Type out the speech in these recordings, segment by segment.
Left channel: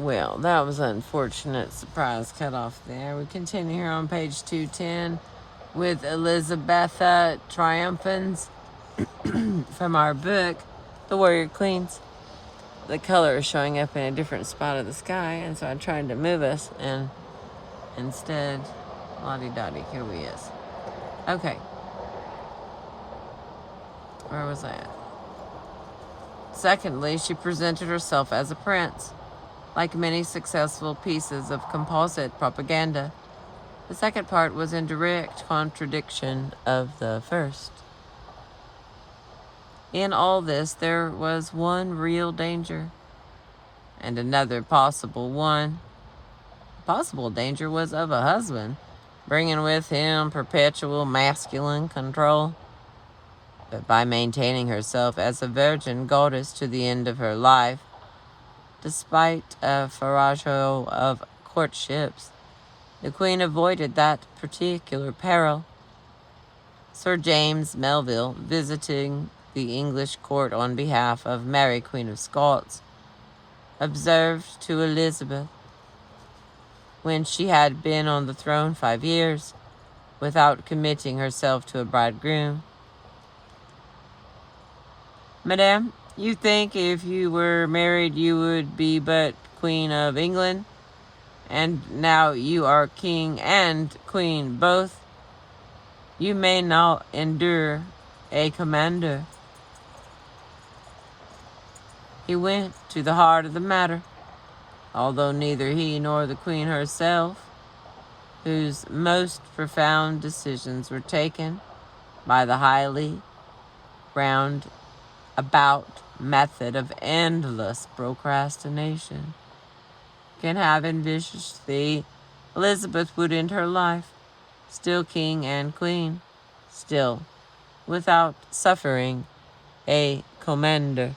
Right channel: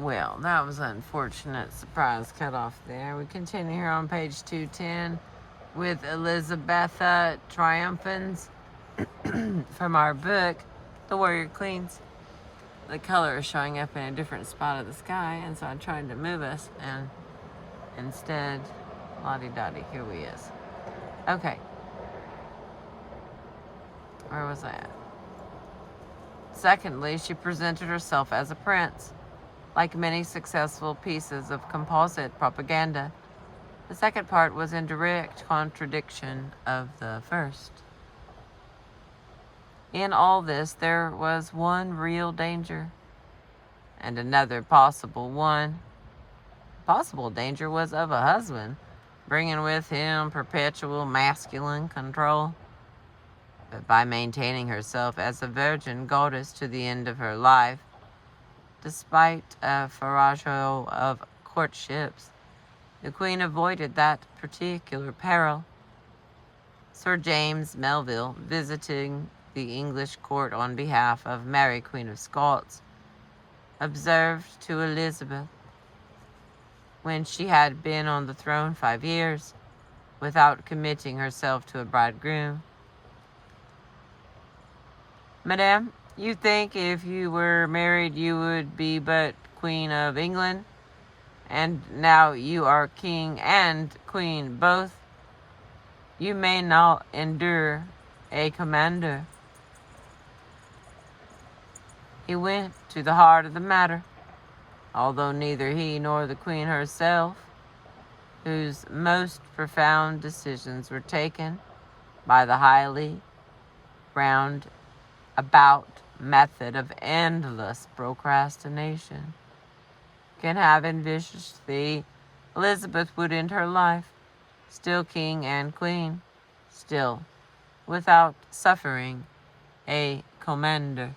Well, that was an unfortunate surprise cut off there. We continue here on page 210 with ELIZABETHA TRIUMPHANS from our book, The Warrior Queens. The color is showing up in a different spot of the sky, and so I tried to move us, and instead, la-di-da-di, here we is. Okay. Where was I at? Secondly, she presented herself as a prince. Like many successful pieces of composite propaganda, the second part was in direct contradiction of the first. In all this, there was one real danger, and another possible one. The possible danger was of a husband, bringing with him perpetual masculine control. But by maintaining herself as a virgin goddess to the end of her life, despite a farrago of courtships, the Queen avoided that particular peril. Sir James Melville, visiting the English court on behalf of Mary, Queen of Scots, observed to Elizabeth, when she had been on the throne 5 years, without committing herself to a bridegroom, "Madame, you think if you were married you would be but Queen of England, and now you are King and Queen both. You may not endure a commander." He went to the heart of the matter, although neither he nor the Queen herself, whose most profound decisions were taken by the highly round-about method of endless procrastination, can have envisaged the Elizabeth would end her life, still King and Queen, still without suffering a commander.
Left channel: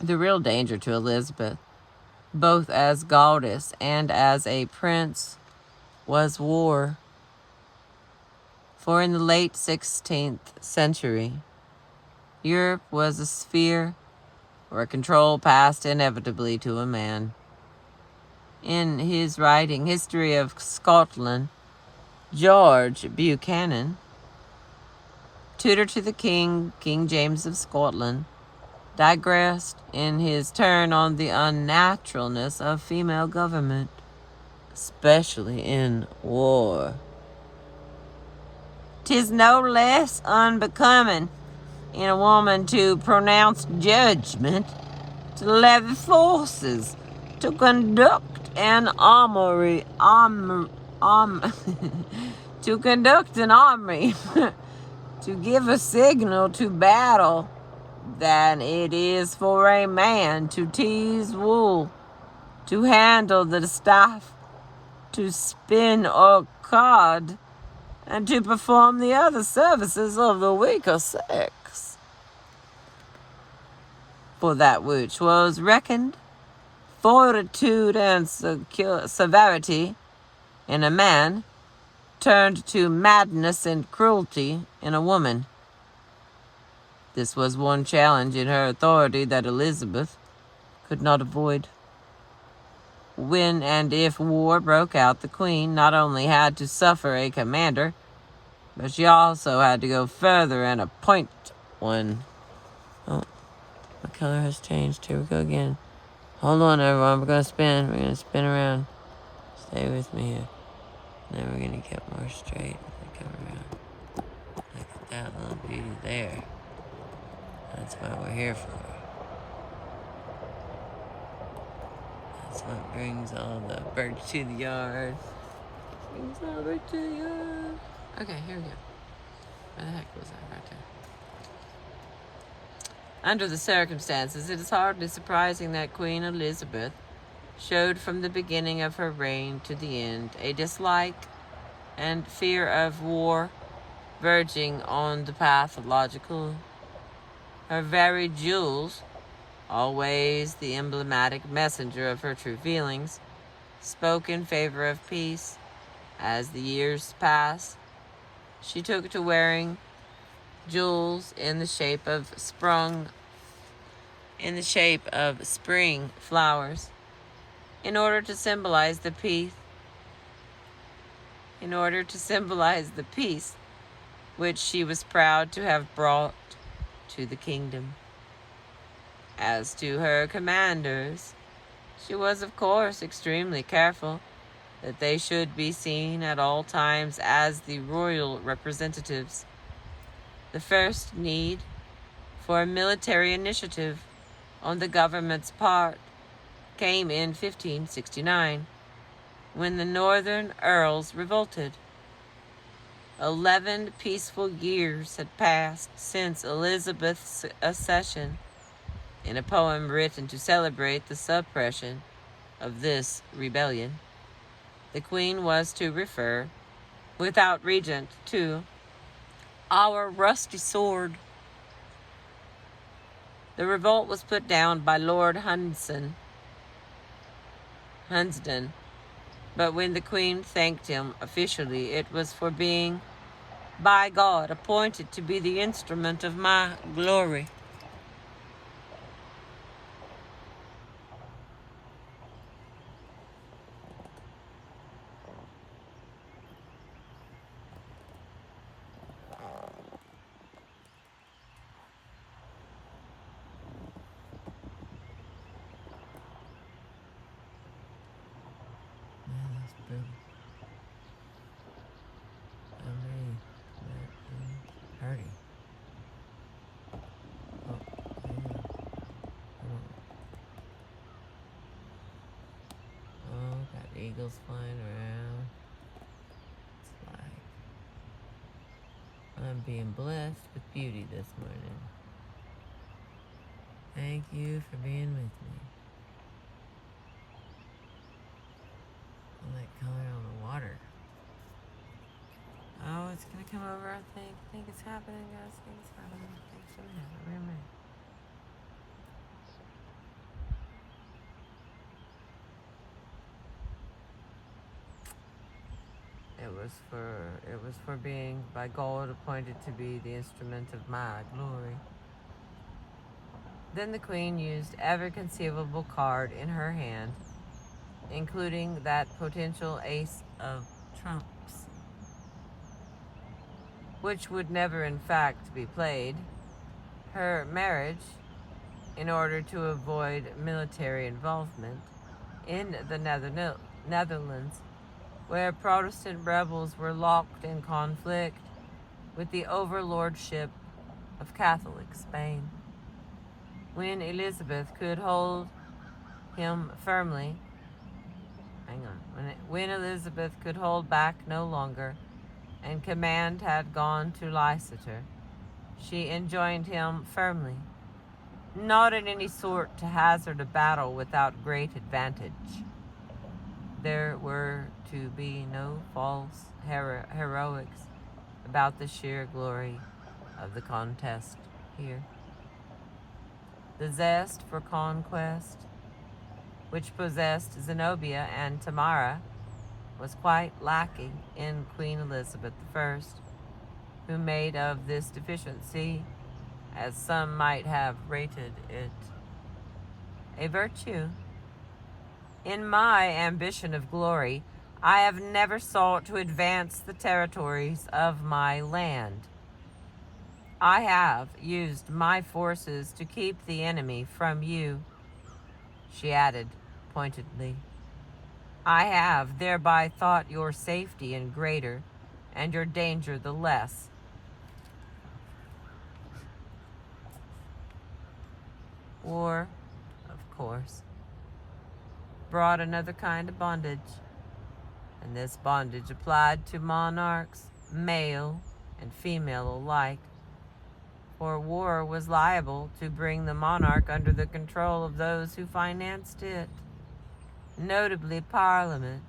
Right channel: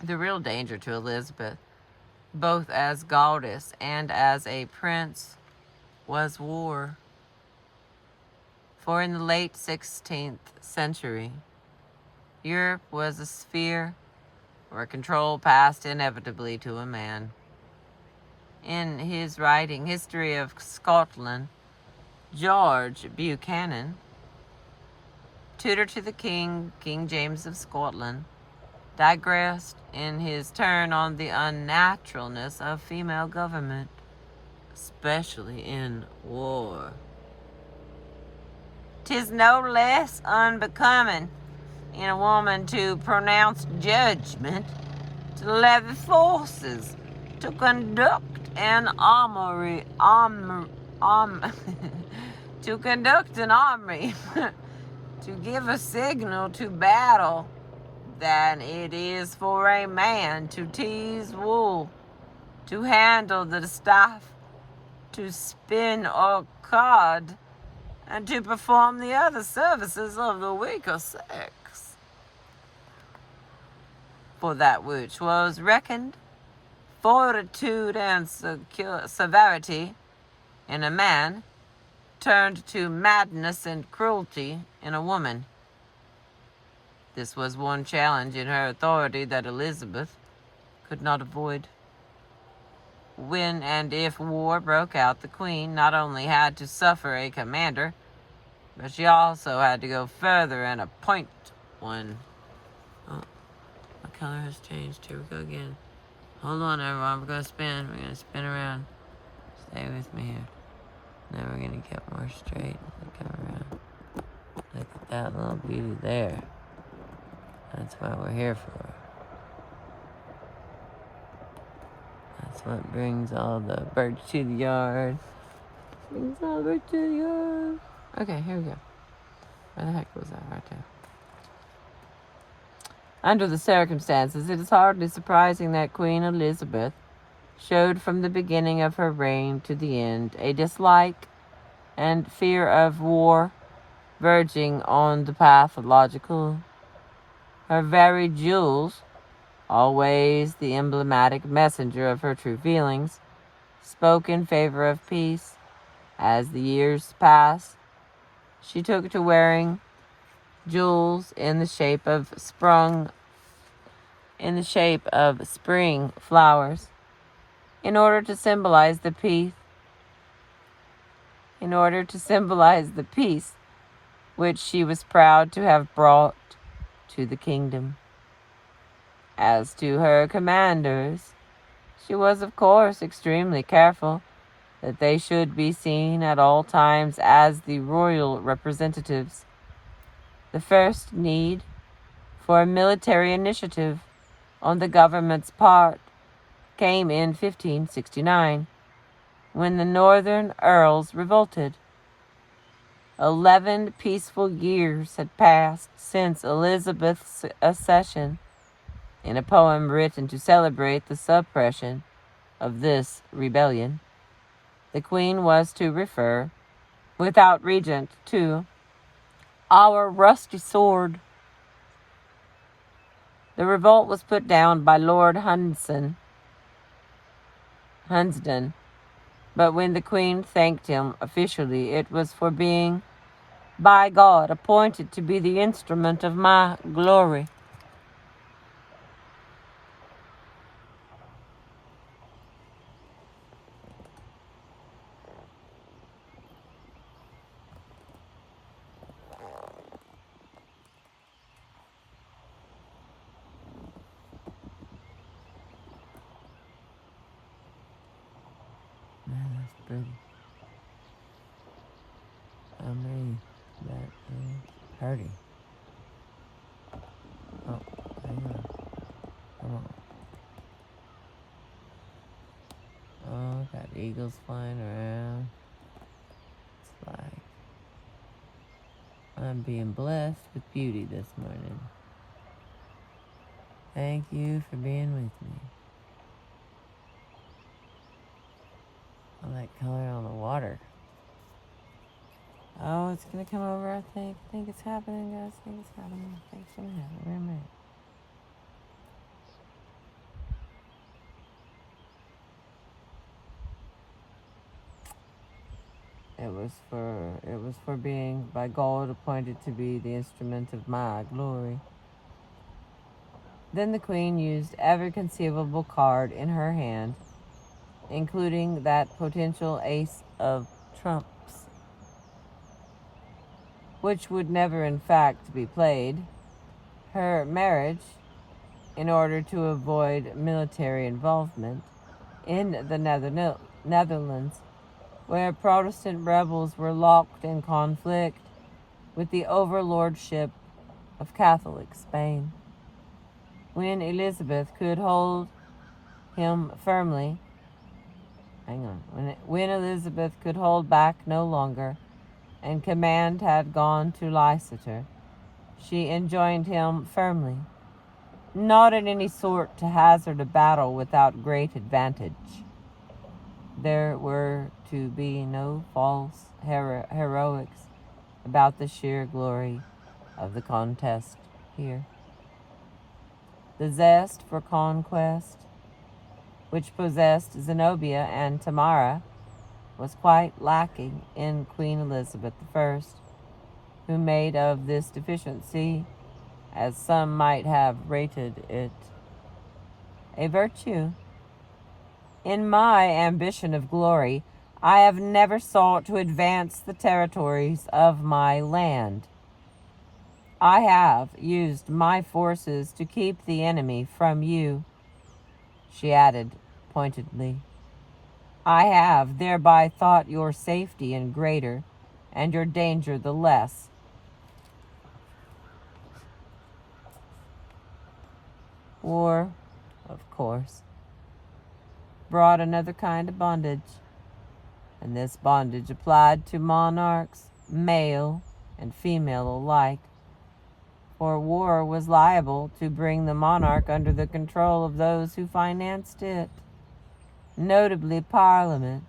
The real danger to Elizabeth, both as goddess and as a prince, was war. For in the late 16th century, Europe was a sphere where control passed inevitably to a man. In his writing History of Scotland, George Buchanan, tutor to the King James of Scotland, digressed in his turn on the unnaturalness of female government, especially in war. "'Tis no less unbecoming in a woman to pronounce judgment, to levy forces, to conduct an army, to conduct an army, to give a signal to battle, than it is for a man to tease wool, to handle the staff, to spin or card, and to perform the other services of the weaker sex. For that which was reckoned fortitude and severity in a man turned to madness and cruelty in a woman. This was one challenge in her authority that Elizabeth could not avoid. When and if war broke out, the Queen not only had to suffer a commander, but she also had to go further and appoint one. Oh, my color has changed. Here we go again. Hold on, everyone. We're going to spin. We're going to spin around. Stay with me here. Then we're going to get more straight as they come around. Look at that little beauty there. That's what we're here for. That's what brings all the birds to the yard. Brings all the birds to the yard. Okay, here we go. Where the heck was that right there? Under the circumstances, it is hardly surprising that Queen Elizabeth showed from the beginning of her reign to the end a dislike and fear of war verging on the pathological. Her very jewels always the emblematic messenger of her true feelings, spoke in favor of peace. As the years passed, she took to wearing jewels in the shape of spring flowers in order to symbolize the peace which she was proud to have brought to the kingdom. As to her commanders, she was of course extremely careful that they should be seen at all times as the royal representatives. The first need for a military initiative on the government's part came in 1569, when the northern earls revolted. 11 peaceful years had passed since Elizabeth's accession. In a poem written to celebrate the suppression of this rebellion, the Queen was to refer, without regent, to our rusty sword. The revolt was put down by Lord Hunsdon, but when the Queen thanked him officially, it was for being, by God, appointed to be the instrument of my glory. Man, that's pretty. I mean, that is pretty. Oh, hang on. Oh, got eagles flying around. It's like I'm being blessed with beauty this morning. Thank you for being with me. I like color on the water. Oh, it's gonna come over, I think. I think it's happening, guys. I think it's happening. I think it's gonna happen. Wait a minute. It was for being by God appointed to be the instrument of my glory. Then the Queen used every conceivable card in her hand, including that potential ace of trumps, which would never in fact be played, her marriage, in order to avoid military involvement in the Netherlands, where Protestant rebels were locked in conflict with the overlordship of Catholic Spain. When Elizabeth could hold him firmly, when Elizabeth could hold back no longer, and command had gone to Leicester, she enjoined him firmly, not in any sort to hazard a battle without great advantage. There were to be no false heroics about the sheer glory of the contest here. The zest for conquest, which possessed Zenobia and Tamara, was quite lacking in Queen Elizabeth I, who made of this deficiency, as some might have rated it, a virtue. In my ambition of glory, I have never sought to advance the territories of my land. I have used my forces to keep the enemy from you, she added pointedly. I have thereby thought your safety in greater, and your danger the less. War, of course, brought another kind of bondage, and this bondage applied to monarchs, male and female alike, for war was liable to bring the monarch under the control of those who financed it, notably Parliament,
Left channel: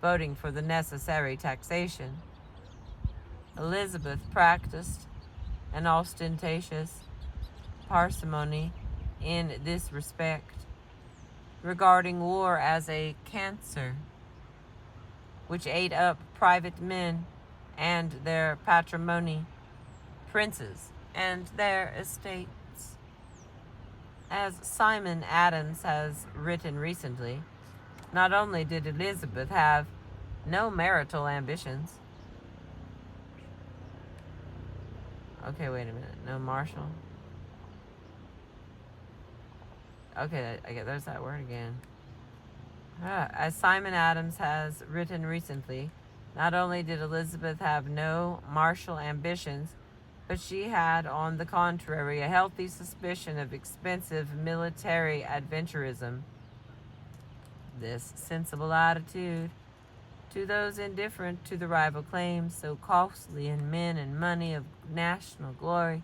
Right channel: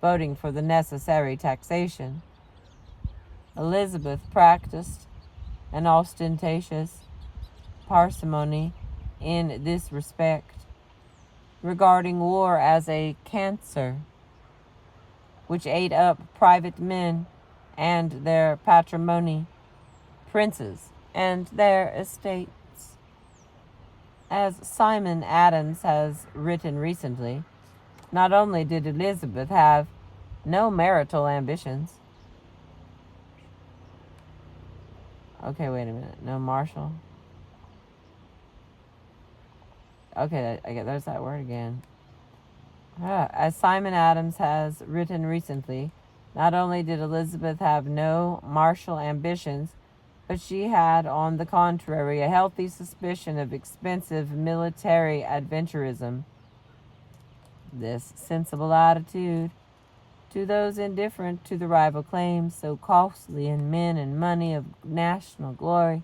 voting for the necessary taxation. Elizabeth practiced an ostentatious parsimony in this respect, regarding war as a cancer which ate up private men and their patrimony, princes and their estates. As Simon Adams has written recently, not only did Elizabeth have no marital ambitions. Okay, wait a minute. No Marshall. Okay, there's that word again. As Simon Adams has written recently, not only did Elizabeth have no martial ambitions, but she had, on the contrary, a healthy suspicion of expensive military adventurism. This sensible attitude to those indifferent to the rival claims so costly in men and money of national glory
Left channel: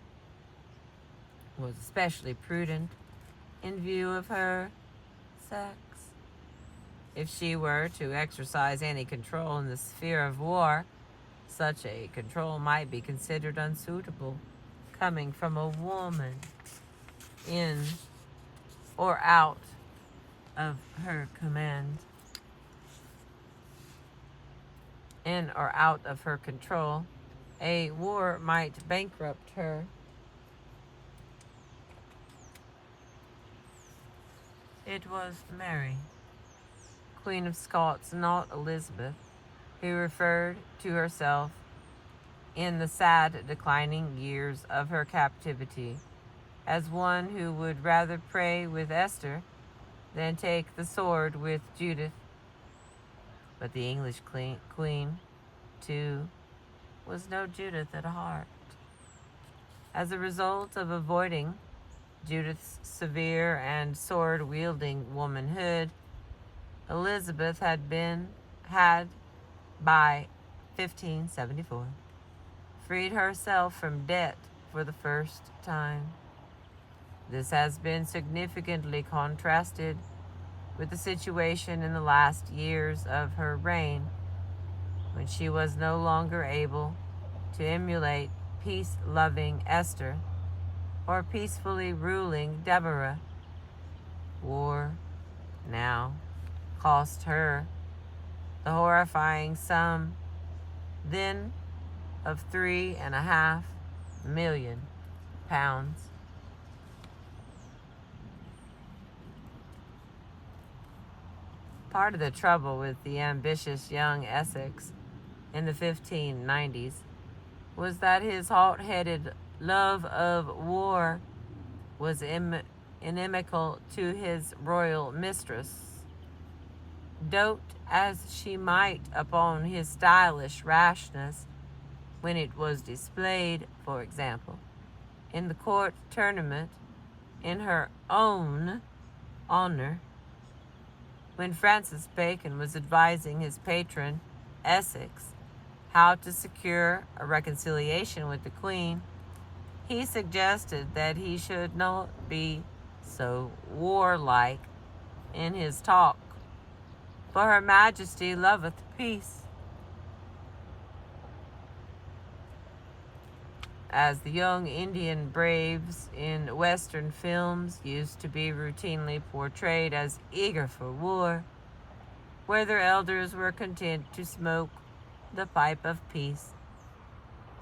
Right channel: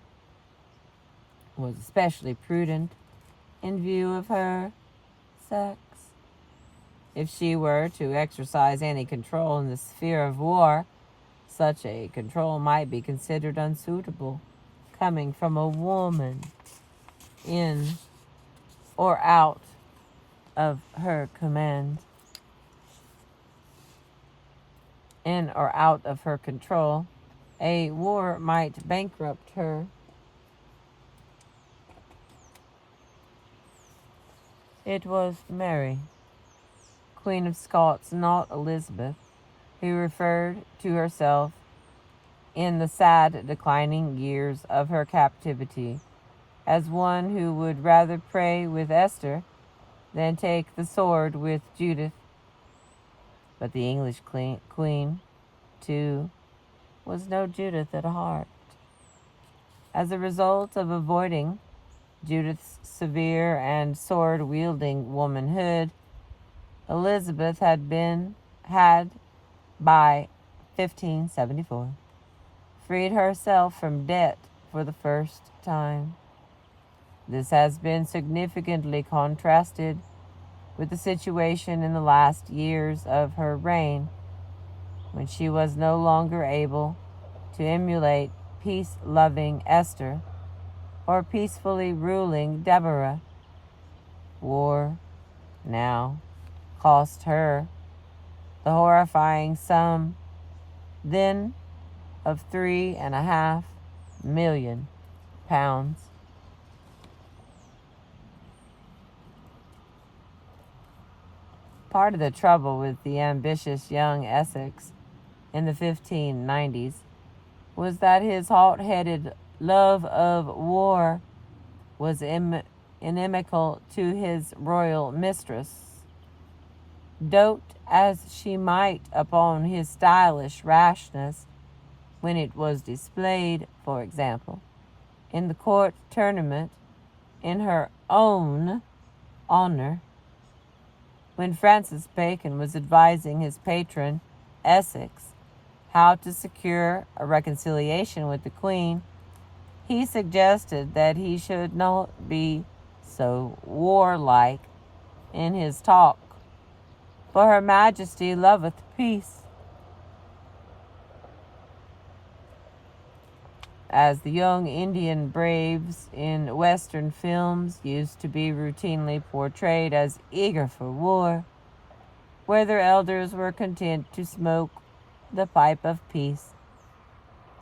was especially prudent in view of her sex. If she were to exercise any control in the sphere of war, such a control might be considered unsuitable, coming from a woman in or out of her command, in or out of her control. A war might bankrupt her. It was Mary, Queen of Scots, not Elizabeth, who referred to herself in the sad declining years of her captivity as one who would rather pray with Esther than take the sword with Judith. But the English queen, too, was no Judith at heart. As a result of avoiding Judith's severe and sword-wielding womanhood, Elizabeth had by 1574, freed herself from debt for the first time. This has been significantly contrasted with the situation in the last years of her reign, when she was no longer able to emulate peace-loving Esther or peacefully ruling Deborah. War now cost her the horrifying sum then of £3.5 million. Part of the trouble with the ambitious young Essex in the 1590s was that his hot-headed love of war was inimical to his royal mistress. Dote as she might upon his stylish rashness when it was displayed, for example, in the court tournament in her own honor, when Francis Bacon was advising his patron, Essex, how to secure a reconciliation with the Queen, he suggested that he should not be so warlike in his talk, for Her Majesty loveth peace. As the young Indian braves in Western films used to be routinely portrayed as eager for war, where their elders were content to smoke the pipe of peace,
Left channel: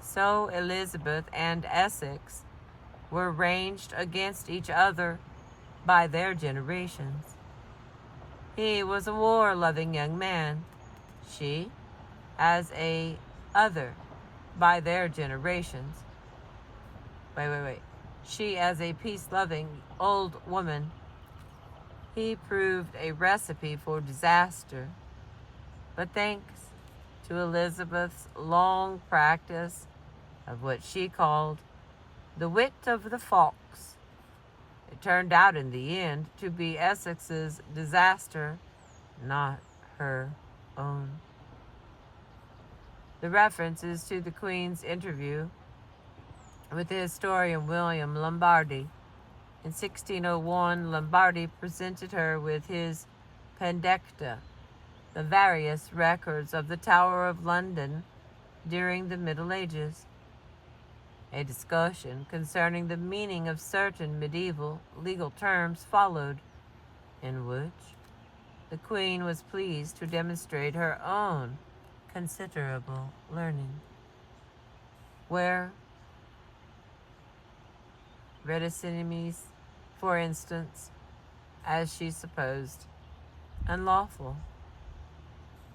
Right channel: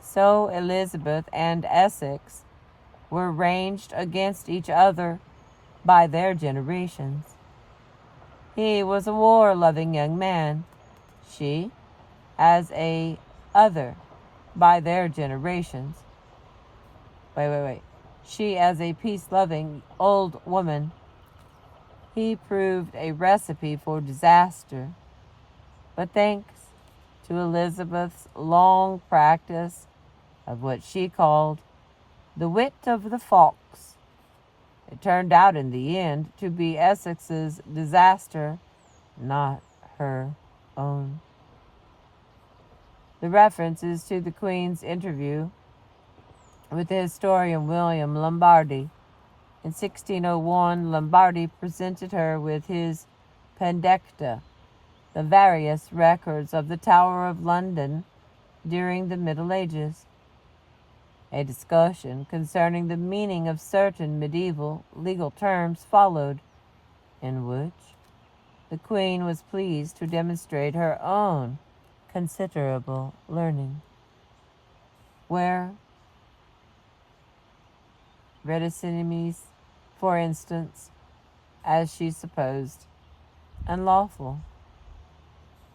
so Elizabeth and Essex were ranged against each other by their generations. He was a war-loving young man, she as a other by their generations. She as a peace-loving old woman. He proved a recipe for disaster. But thanks to Elizabeth's long practice of what she called the wit of the fox, it turned out in the end to be Essex's disaster, not her own. The reference is to the Queen's interview with the historian William Lombardy. In 1601, Lombardy presented her with his Pandecta, the various records of the Tower of London during the Middle Ages. A discussion concerning the meaning of certain medieval legal terms followed, in which the Queen was pleased to demonstrate her own considerable learning. Where reticenimes, for instance, as she supposed, unlawful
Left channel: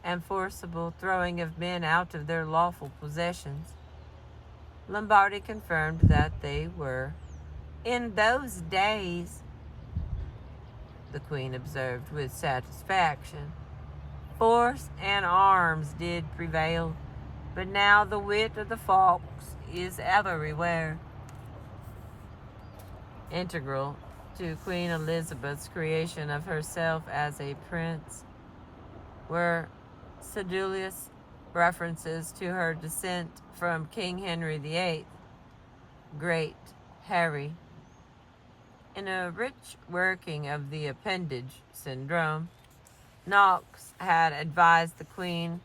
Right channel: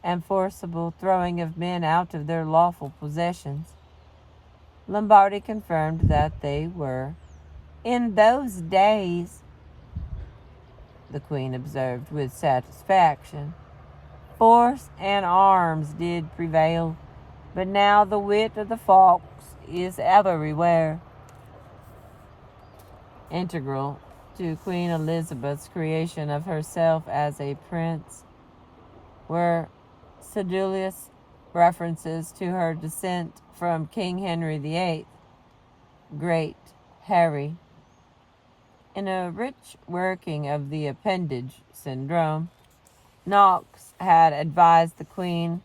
and forcible throwing of men out of their lawful possessions, Lombardy confirmed that they were, in those days, the Queen observed with satisfaction, force and arms did prevail, but now the wit of the fox is everywhere. Integral to Queen Elizabeth's creation of herself as a prince were sedulous references to her descent from King Henry VIII, Great Harry. In a rich working of the appendage syndrome, Knox had advised the Queen,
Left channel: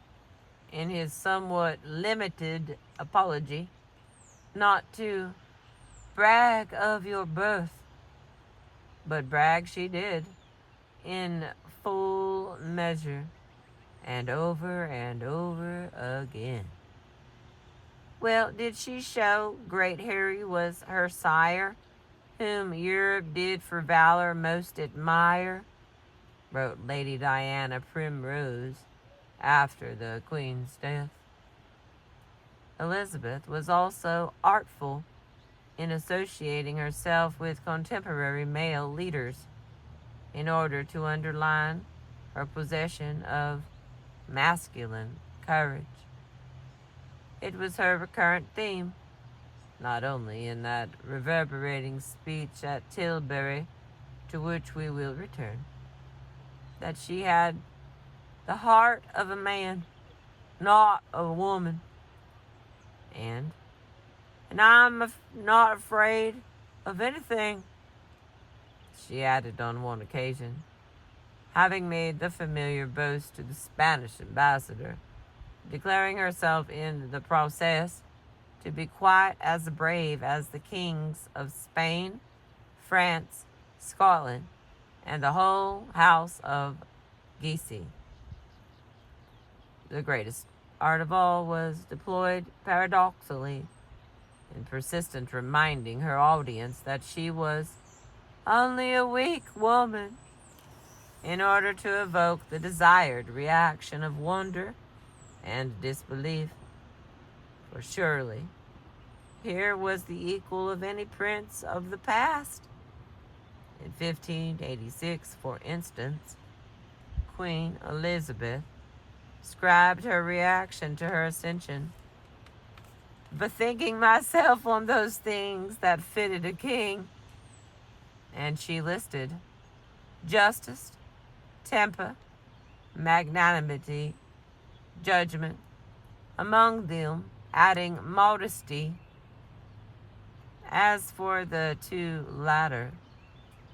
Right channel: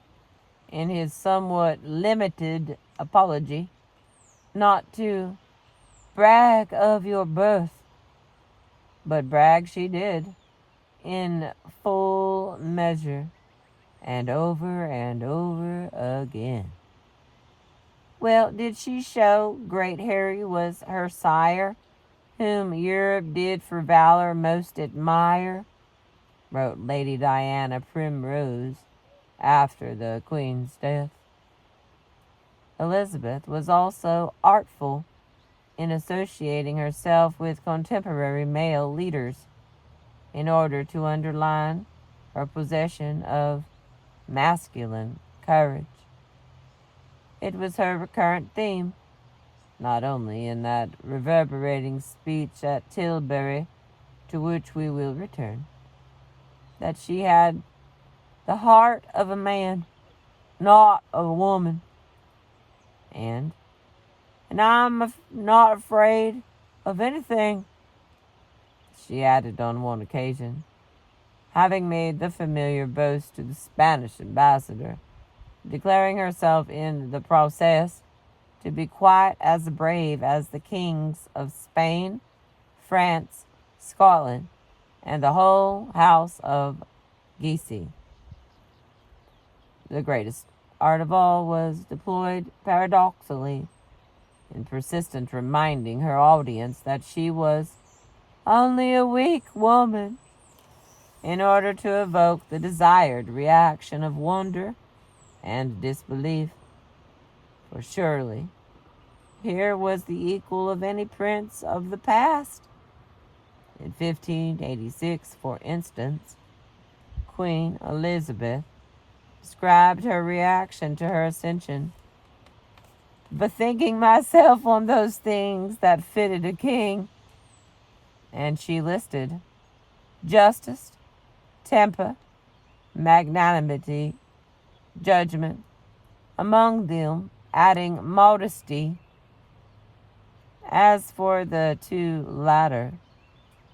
in his somewhat limited apology, not to brag of your birth, but brag she did, in full measure, and over again. Well, did she show Great Harry was her sire, whom Europe did for valor most admire, wrote Lady Diana Primrose after the Queen's death. Elizabeth was also artful in associating herself with contemporary male leaders in order to underline her possession of masculine courage. It was her recurrent theme, not only in that reverberating speech at Tilbury, to which we will return, that she had the heart of a man, not of a woman, and I'm not afraid of anything, she added on one occasion, having made the familiar boast to the Spanish ambassador, declaring herself in the process to be quite as brave as the kings of Spain, France, Scotland, and the whole house of Guise. The greatest art of all was deployed paradoxically in persistent reminding her audience that she was only a weak woman, in order to evoke the desired reaction of wonder and disbelief. For surely here was the equal of any prince of the past. In 1586, for instance, Queen Elizabeth described her reaction to her ascension, bethinking myself on those things that fitted a king, and she listed justice, temper, magnanimity, judgment, among them adding modesty. As for the two latter,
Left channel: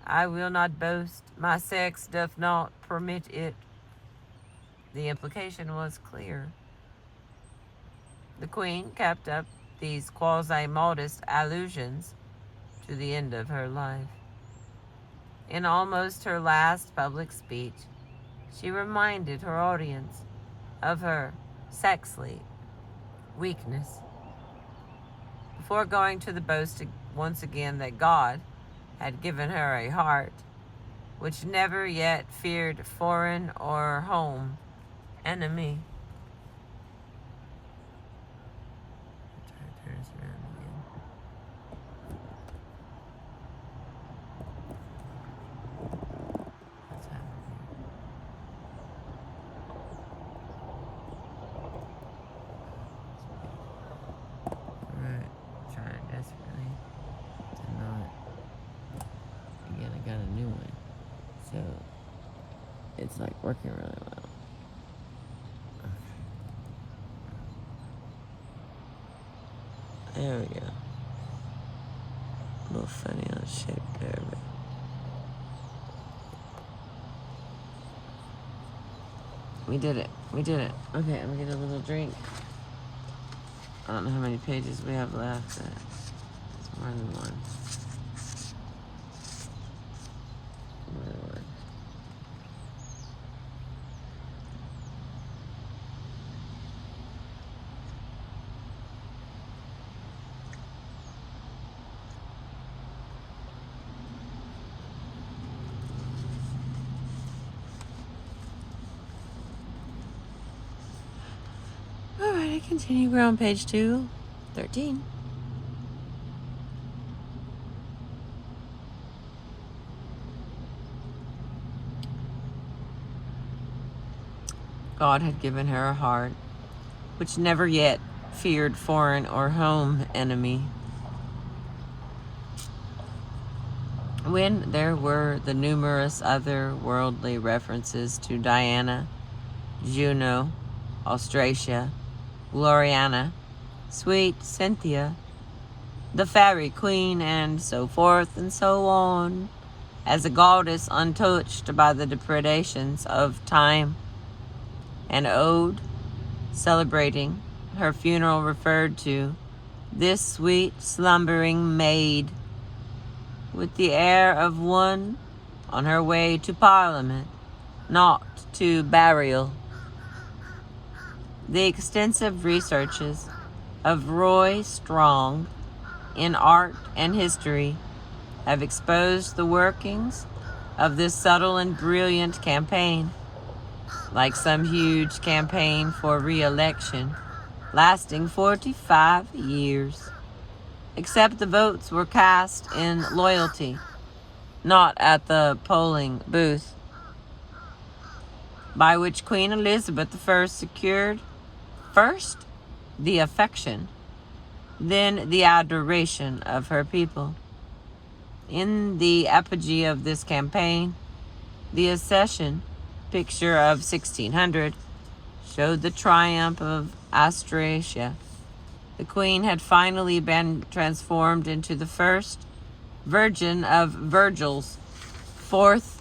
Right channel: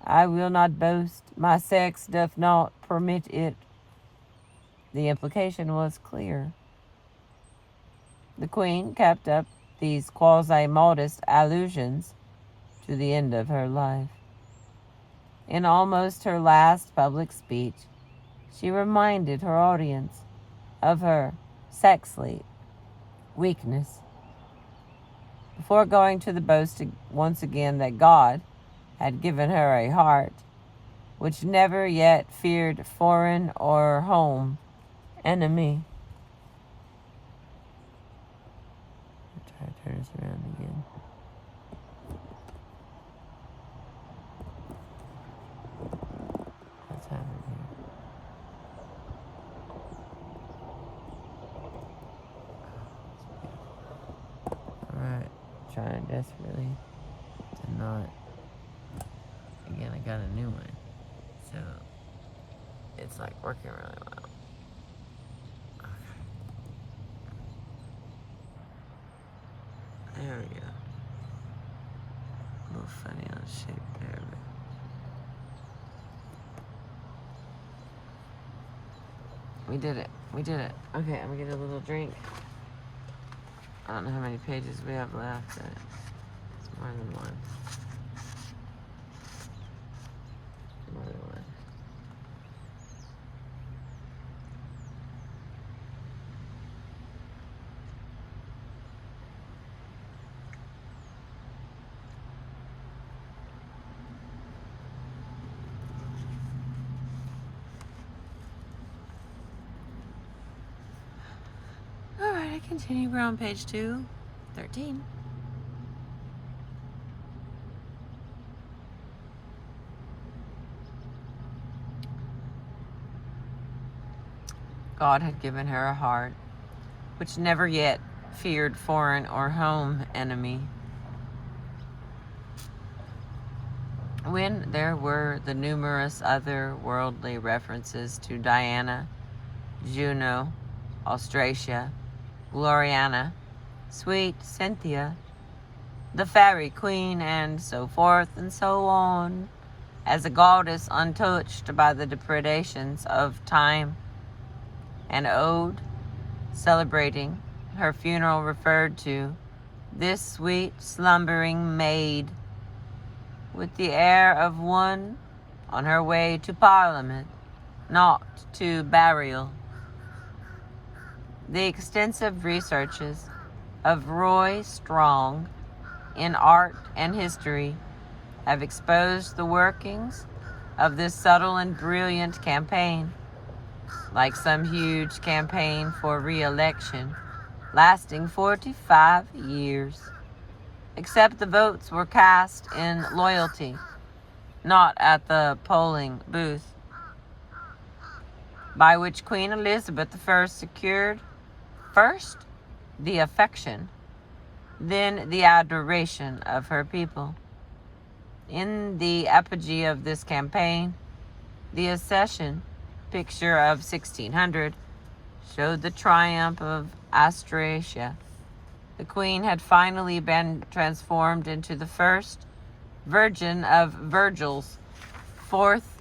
I will not boast, my sex doth not permit it. The implication was clear. The Queen kept up these quasi-modest allusions to the end of her life. In almost her last public speech, she reminded her audience of her sexual weakness, before going to the boast once again that God had given her a heart which never yet feared foreign or home enemy. Try to turn this around again. What's happening here? Alright, trying desperately to not. Again, I got a new one, so it's like working really well. There we go. A little funny on the shape there, but we did it. We did it. Okay, I'm gonna get a little drink. I don't know how many pages we have left. More than one. More than one. All right, I continue. We're on page 213. God had given her a heart which never yet feared foreign or home enemy. When there were the numerous other worldly references to Diana, Juno, Austrasia, Gloriana, sweet Cynthia, the fairy queen, and so forth and so on, as a goddess untouched by the depredations of time, an ode celebrating her funeral referred to this sweet slumbering maid with the air of one on her way to Parliament, not to burial. The extensive researches of Roy Strong in art and history have exposed the workings of this subtle and brilliant campaign, like some huge campaign for re-election lasting 45 years. Except the votes were cast in loyalty, not at the polling booth, by which Queen Elizabeth I secured first the affection, then the adoration of her people. In the apogee of this campaign, the accession picture of 1600 showed the triumph of Austrasia. The Queen had finally been transformed into the first Virgin of Virgil's fourth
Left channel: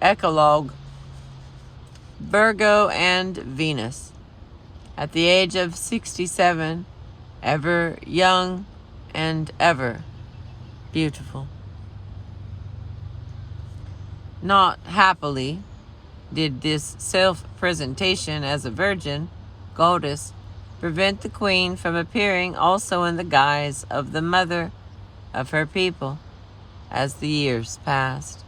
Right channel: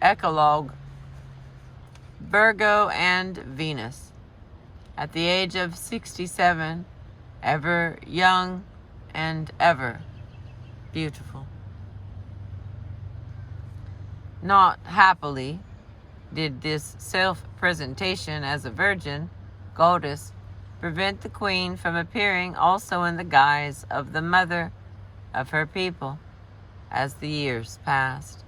eclogue, Virgo and Venus. At the age of 67, ever young and ever beautiful. Not happily did this self-presentation as a virgin goddess prevent the Queen from appearing also in the guise of the mother of her people as the years passed.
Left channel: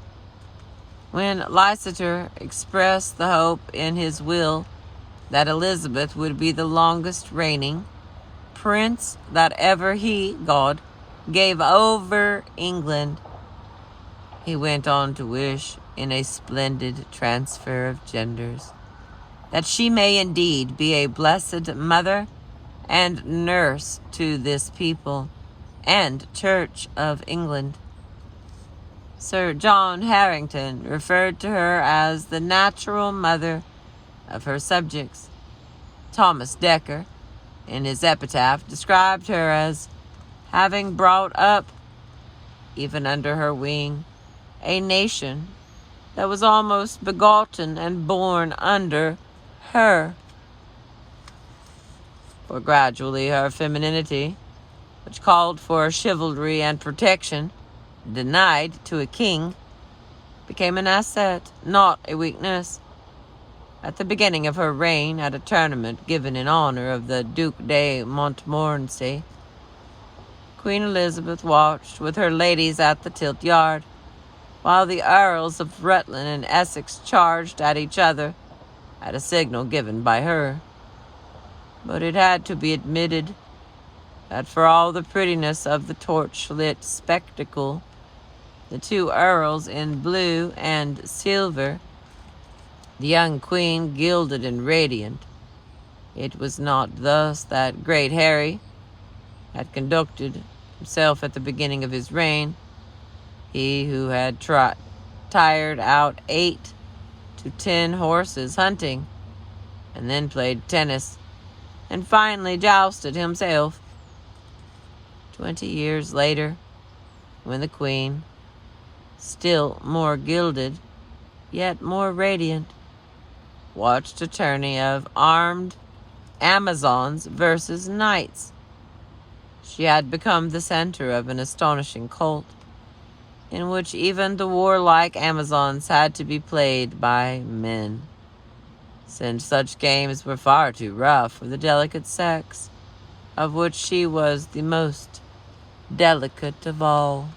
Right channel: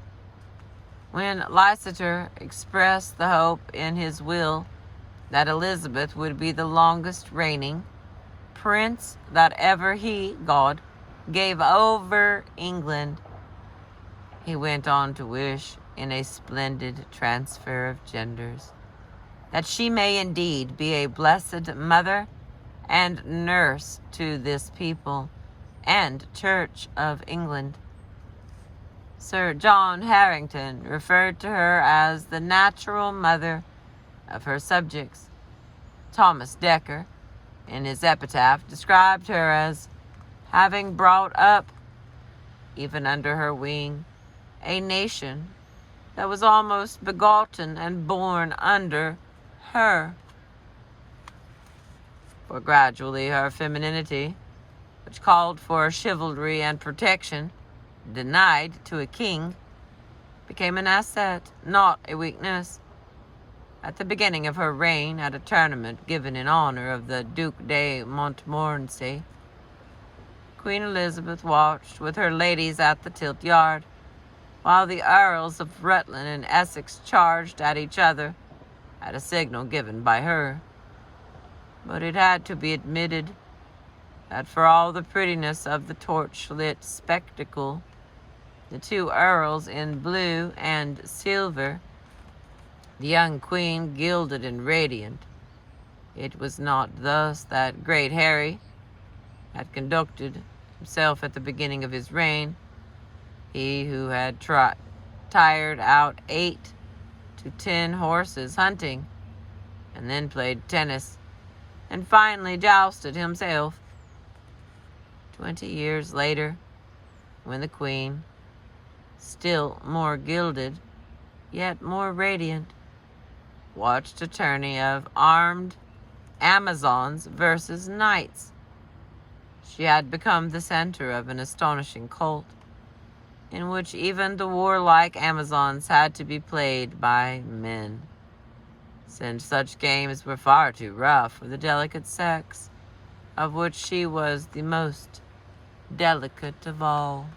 When Leicester expressed the hope in his will that Elizabeth would be the longest reigning prince that ever he, God, gave over England, he went on to wish, in a splendid transfer of genders, that she may indeed be a blessed mother and nurse to this people and Church of England. Sir John Harrington referred to her as the natural mother of her subjects. Thomas Dekker, in his epitaph, described her as having brought up, even under her wing, a nation that was almost begotten and born under her. For gradually her femininity, which called for chivalry and protection, denied to a king, became an asset, not a weakness. At the beginning of her reign, at a tournament given in honor of the Duc de Montmorency, Queen Elizabeth watched with her ladies at the tilt yard, while the Earls of Rutland and Essex charged at each other at a signal given by her. But it had to be admitted that for all the prettiness of the torch-lit spectacle, the two earls in blue and silver, the young queen gilded and radiant, it was not thus that great Harry had conducted himself at the beginning of his reign, he who had tired out 8 to 10 horses hunting, and then played tennis, and finally jousted himself. 20 years later, when the Queen, still more gilded, yet more radiant, watched a tourney of armed Amazons versus knights, She had become the center of an astonishing cult, in which even the warlike Amazons had to be played by men, since such games were far too rough for the delicate sex, of which she was the most delicate of all.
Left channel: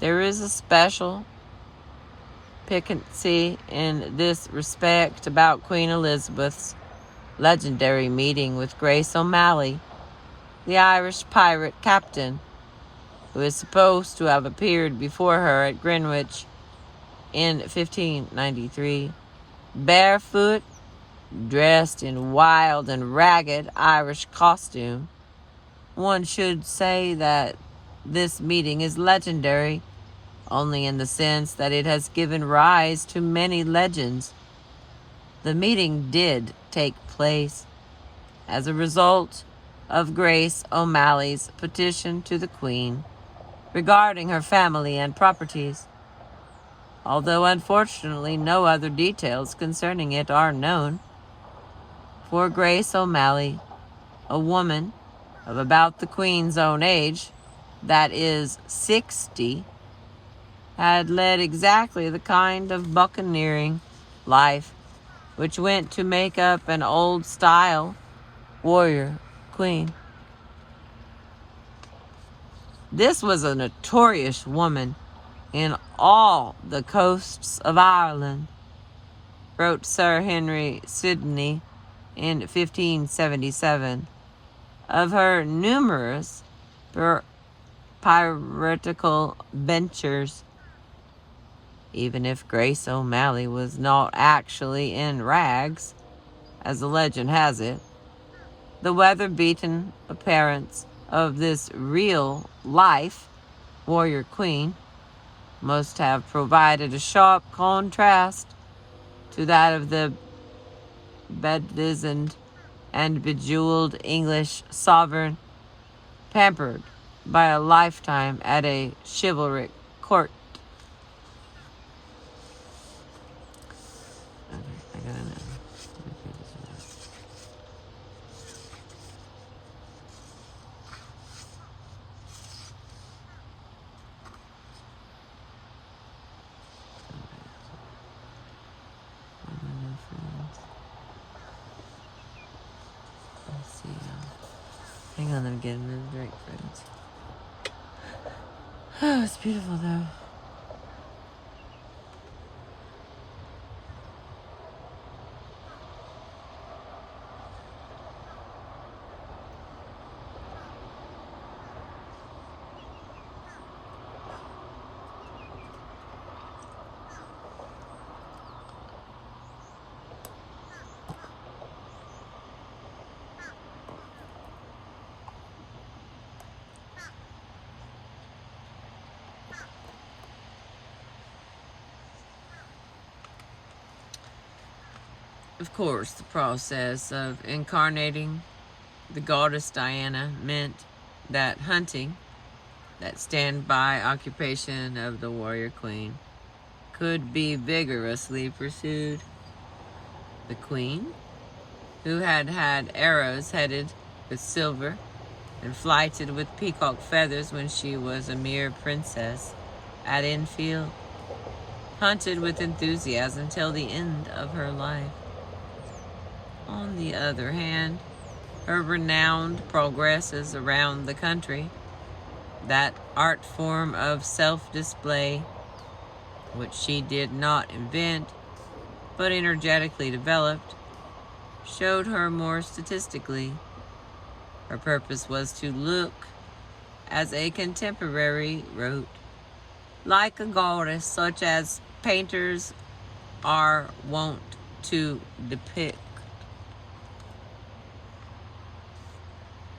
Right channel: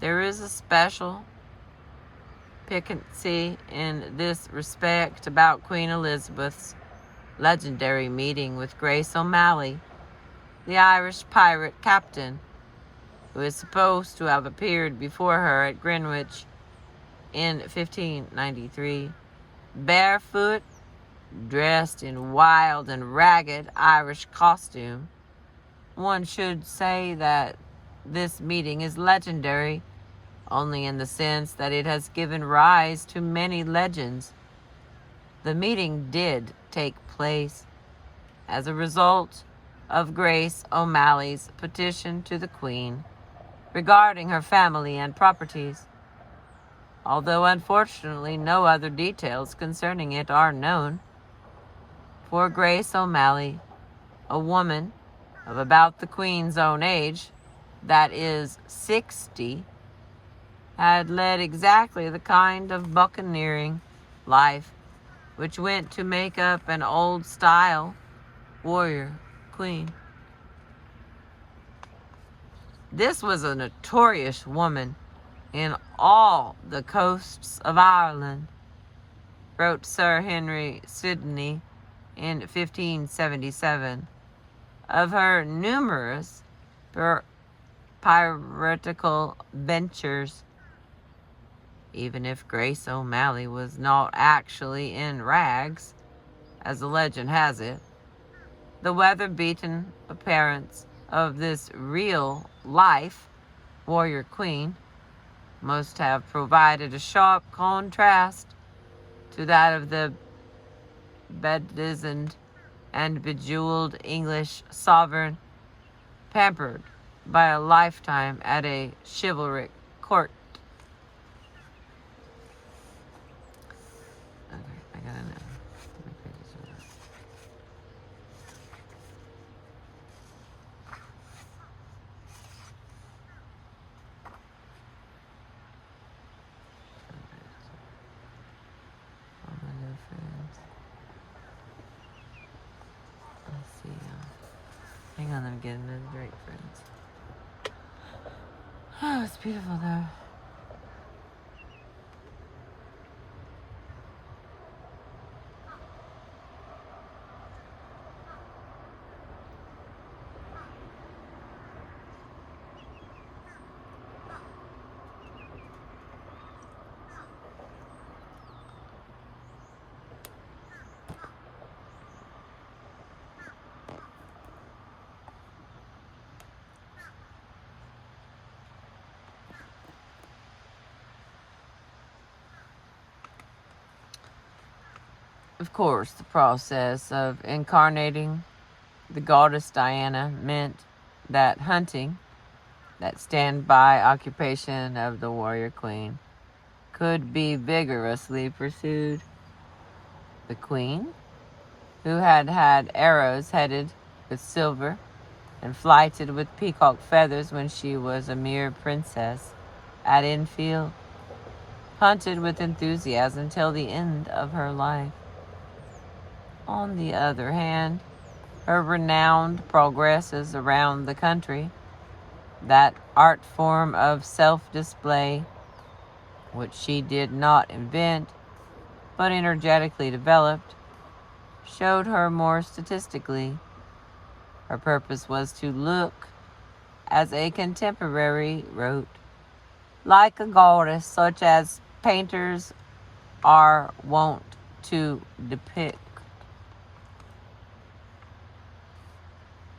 There is a special piquancy in this respect about Queen Elizabeth's legendary meeting with Grace O'Malley, the Irish pirate captain, who is supposed to have appeared before her at Greenwich in 1593, barefoot, dressed in wild and ragged Irish costume. One should say that this meeting is legendary only in the sense that it has given rise to many legends. The meeting did take place as a result of Grace O'Malley's petition to the Queen regarding her family and properties, although unfortunately no other details concerning it are known. For Grace O'Malley, a woman of about the Queen's own age, that is 60, had led exactly the kind of buccaneering life which went to make up an old-style warrior queen. This was a notorious woman in all the coasts of Ireland, wrote Sir Henry Sidney in 1577, of her numerous piratical ventures. Even if Grace O'Malley was not actually in rags, as the legend has it, the weather-beaten appearance of this real-life warrior queen must have provided a sharp contrast to that of the bedizened and bejeweled English sovereign, pampered by a lifetime at a chivalric court. I gotta know. Let's see. Hang on, let me get another drink, friends. Oh, it's beautiful though. Of course, the process of incarnating the goddess Diana meant that hunting, that standby occupation of the warrior queen, could be vigorously pursued. The queen, who had had arrows headed with silver and flighted with peacock feathers when she was a mere princess at Enfield, hunted with enthusiasm till the end of her life. On the other hand, her renowned progresses around the country, that art form of self-display, which she did not invent, but energetically developed, showed her more statistically. Her purpose was to look, as a contemporary wrote, like a goddess such as painters are wont to depict.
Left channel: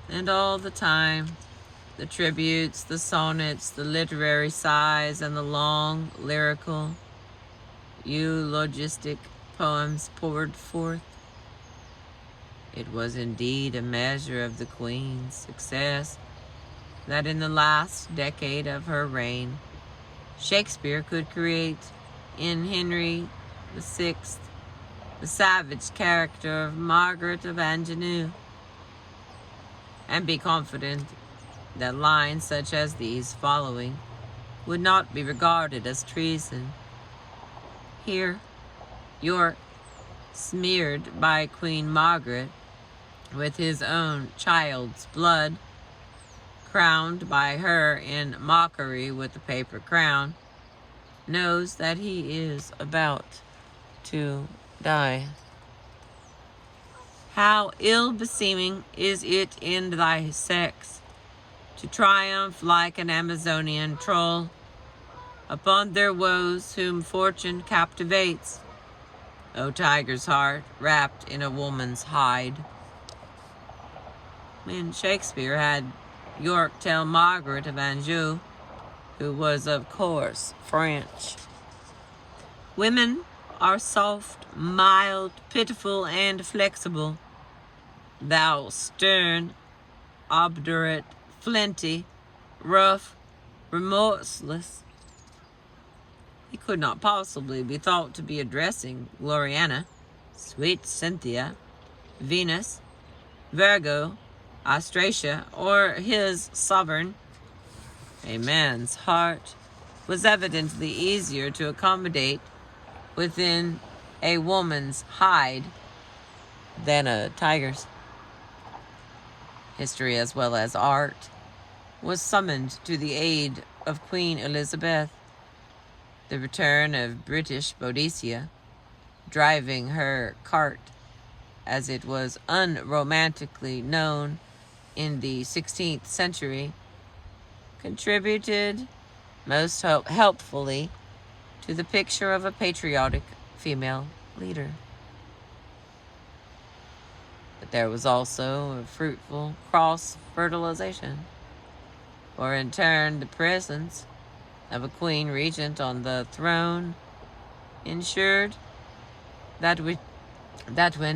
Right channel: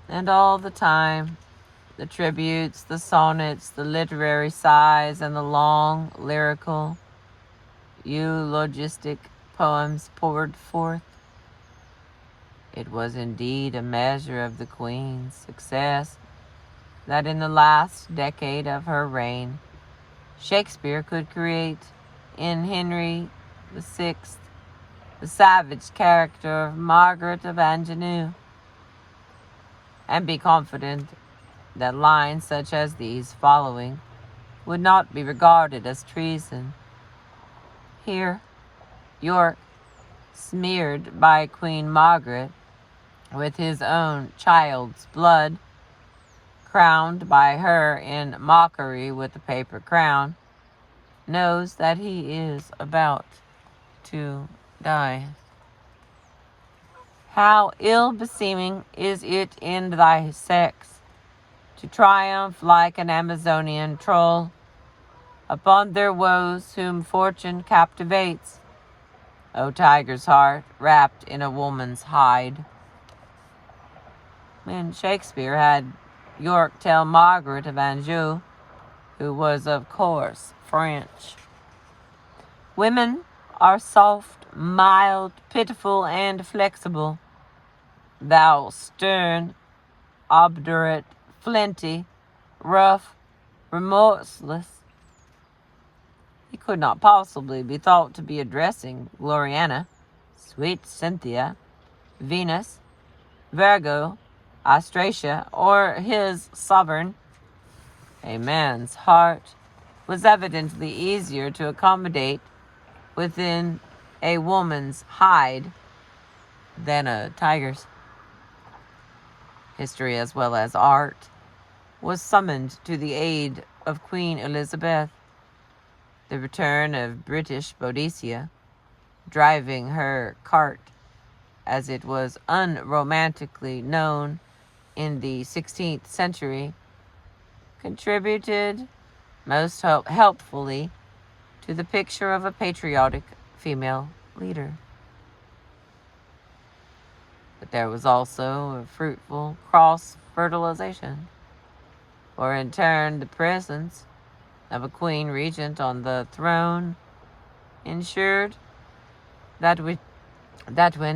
And all the time, the tributes, the sonnets, the literary sighs, and the long, lyrical, eulogistic poems poured forth. It was indeed a measure of the Queen's success that in the last decade of her reign, Shakespeare could create in Henry VI the savage character of Margaret of Anjou, and be confident that lines such as these following would not be regarded as treason. Here, York, smeared by Queen Margaret with his own child's blood, crowned by her in mockery with a paper crown, knows that he is about to die. How ill-beseeming is it in thy sex to triumph like an Amazonian troll upon their woes whom fortune captivates, O tiger's heart wrapped in a woman's hide. When Shakespeare had York tell Margaret of Anjou, who was of course French, "Women are soft, mild, pitiful, and flexible. Thou stern, obdurate, flinty, rough, remorseless." He could not possibly be thought to be addressing Gloriana, sweet Cynthia, Venus, Virgo, Austrasia, or his sovereign. A man's heart was evidently easier to accommodate within a woman's hide than a tiger's. History, as well as art, was summoned to the aid of Queen Elizabeth. The return of British Boadicea, driving her cart, as it was unromantically known in the 16th century, contributed most helpfully to the picture of a patriotic female leader. But there was also a fruitful cross-fertilization, for in turn the presence of a queen regent on the throne ensured that when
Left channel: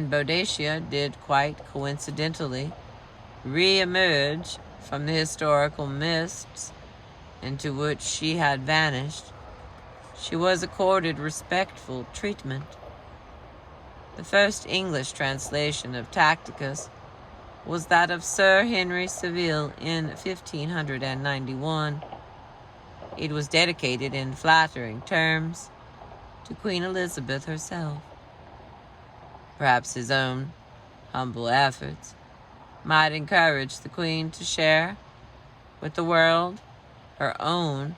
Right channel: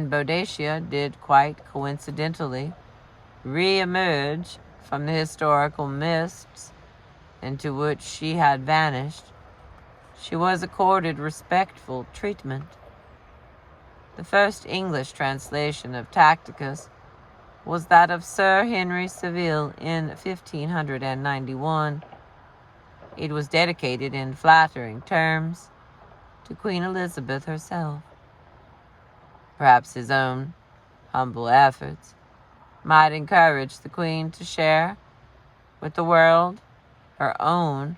Boadicea did quite coincidentally re-emerge from the historical mists into which she had vanished, she was accorded respectful treatment. The first English translation of Tacticus was that of Sir Henry Savile in 1591. It was dedicated in flattering terms to Queen Elizabeth herself. Perhaps his own humble efforts might encourage the Queen to share with the world her own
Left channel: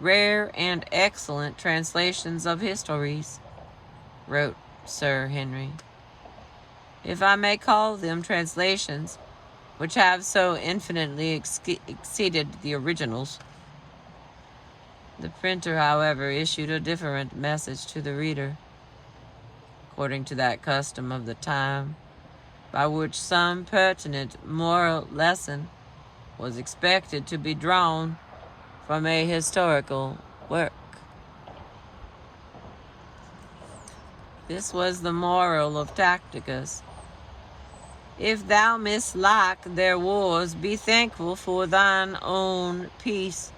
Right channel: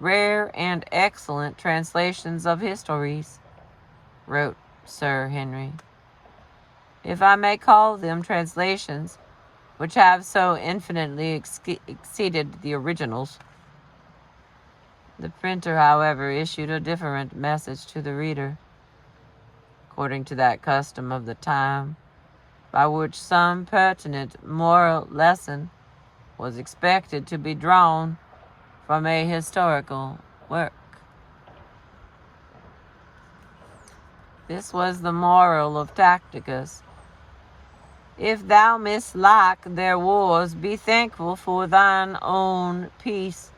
rare and excellent translations of histories, wrote Sir Henry. If I may call them translations which have so infinitely exceeded the originals. The printer, however, issued a different message to the reader, according to that custom of the time, by which some pertinent moral lesson was expected to be drawn from a historical work. This was the moral of Tacticus. If thou mislike their wars, be thankful for thine own peace.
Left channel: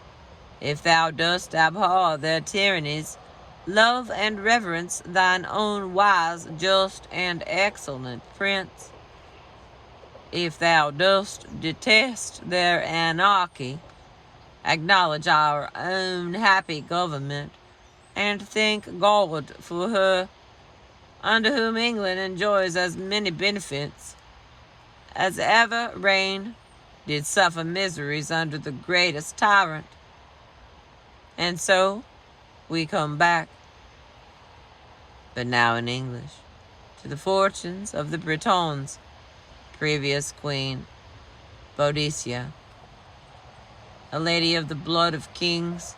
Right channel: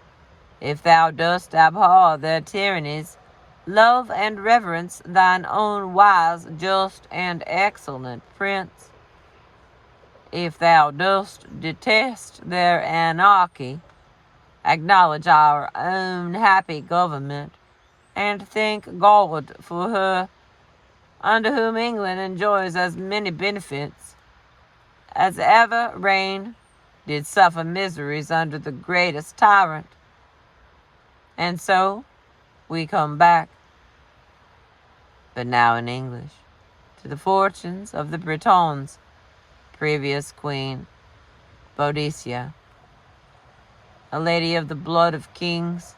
If thou dost abhor their tyrannies, love and reverence thine own wise, just, and excellent prince. If thou dost detest their anarchy, acknowledge our own happy government, and thank God for her, under whom England enjoys as many benefits as ever reign did suffer miseries under the greatest tyrant. And so we come back, but now in English, to the fortunes of the Britons, previous Queen Boadicea, a lady of the blood of kings,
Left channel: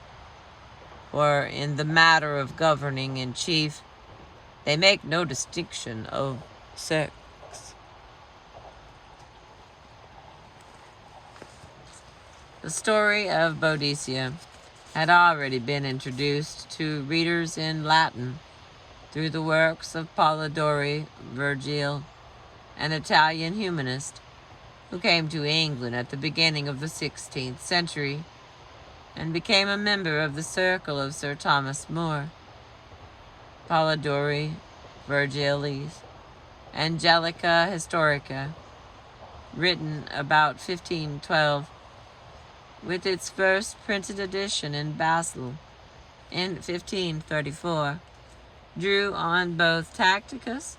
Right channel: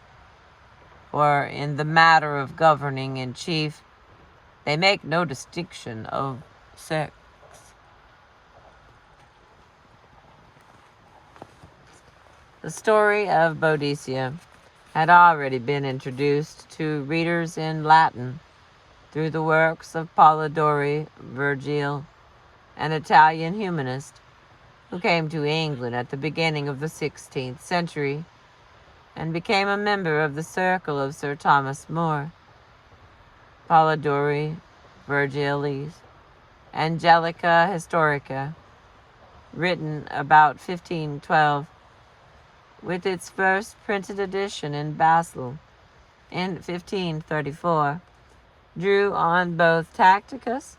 for in the matter of governing in chief, they make no distinction of sex. The story of Boadicea had already been introduced to readers in Latin through the works of Polidori, Virgil, an Italian humanist who came to England at the beginning of the 16th century and became a member of the circle of Sir Thomas More. Polidori, Virgilis, Angelica Historica, written about 1512, with its first printed edition in Basel in 1534, drew on both Tacticus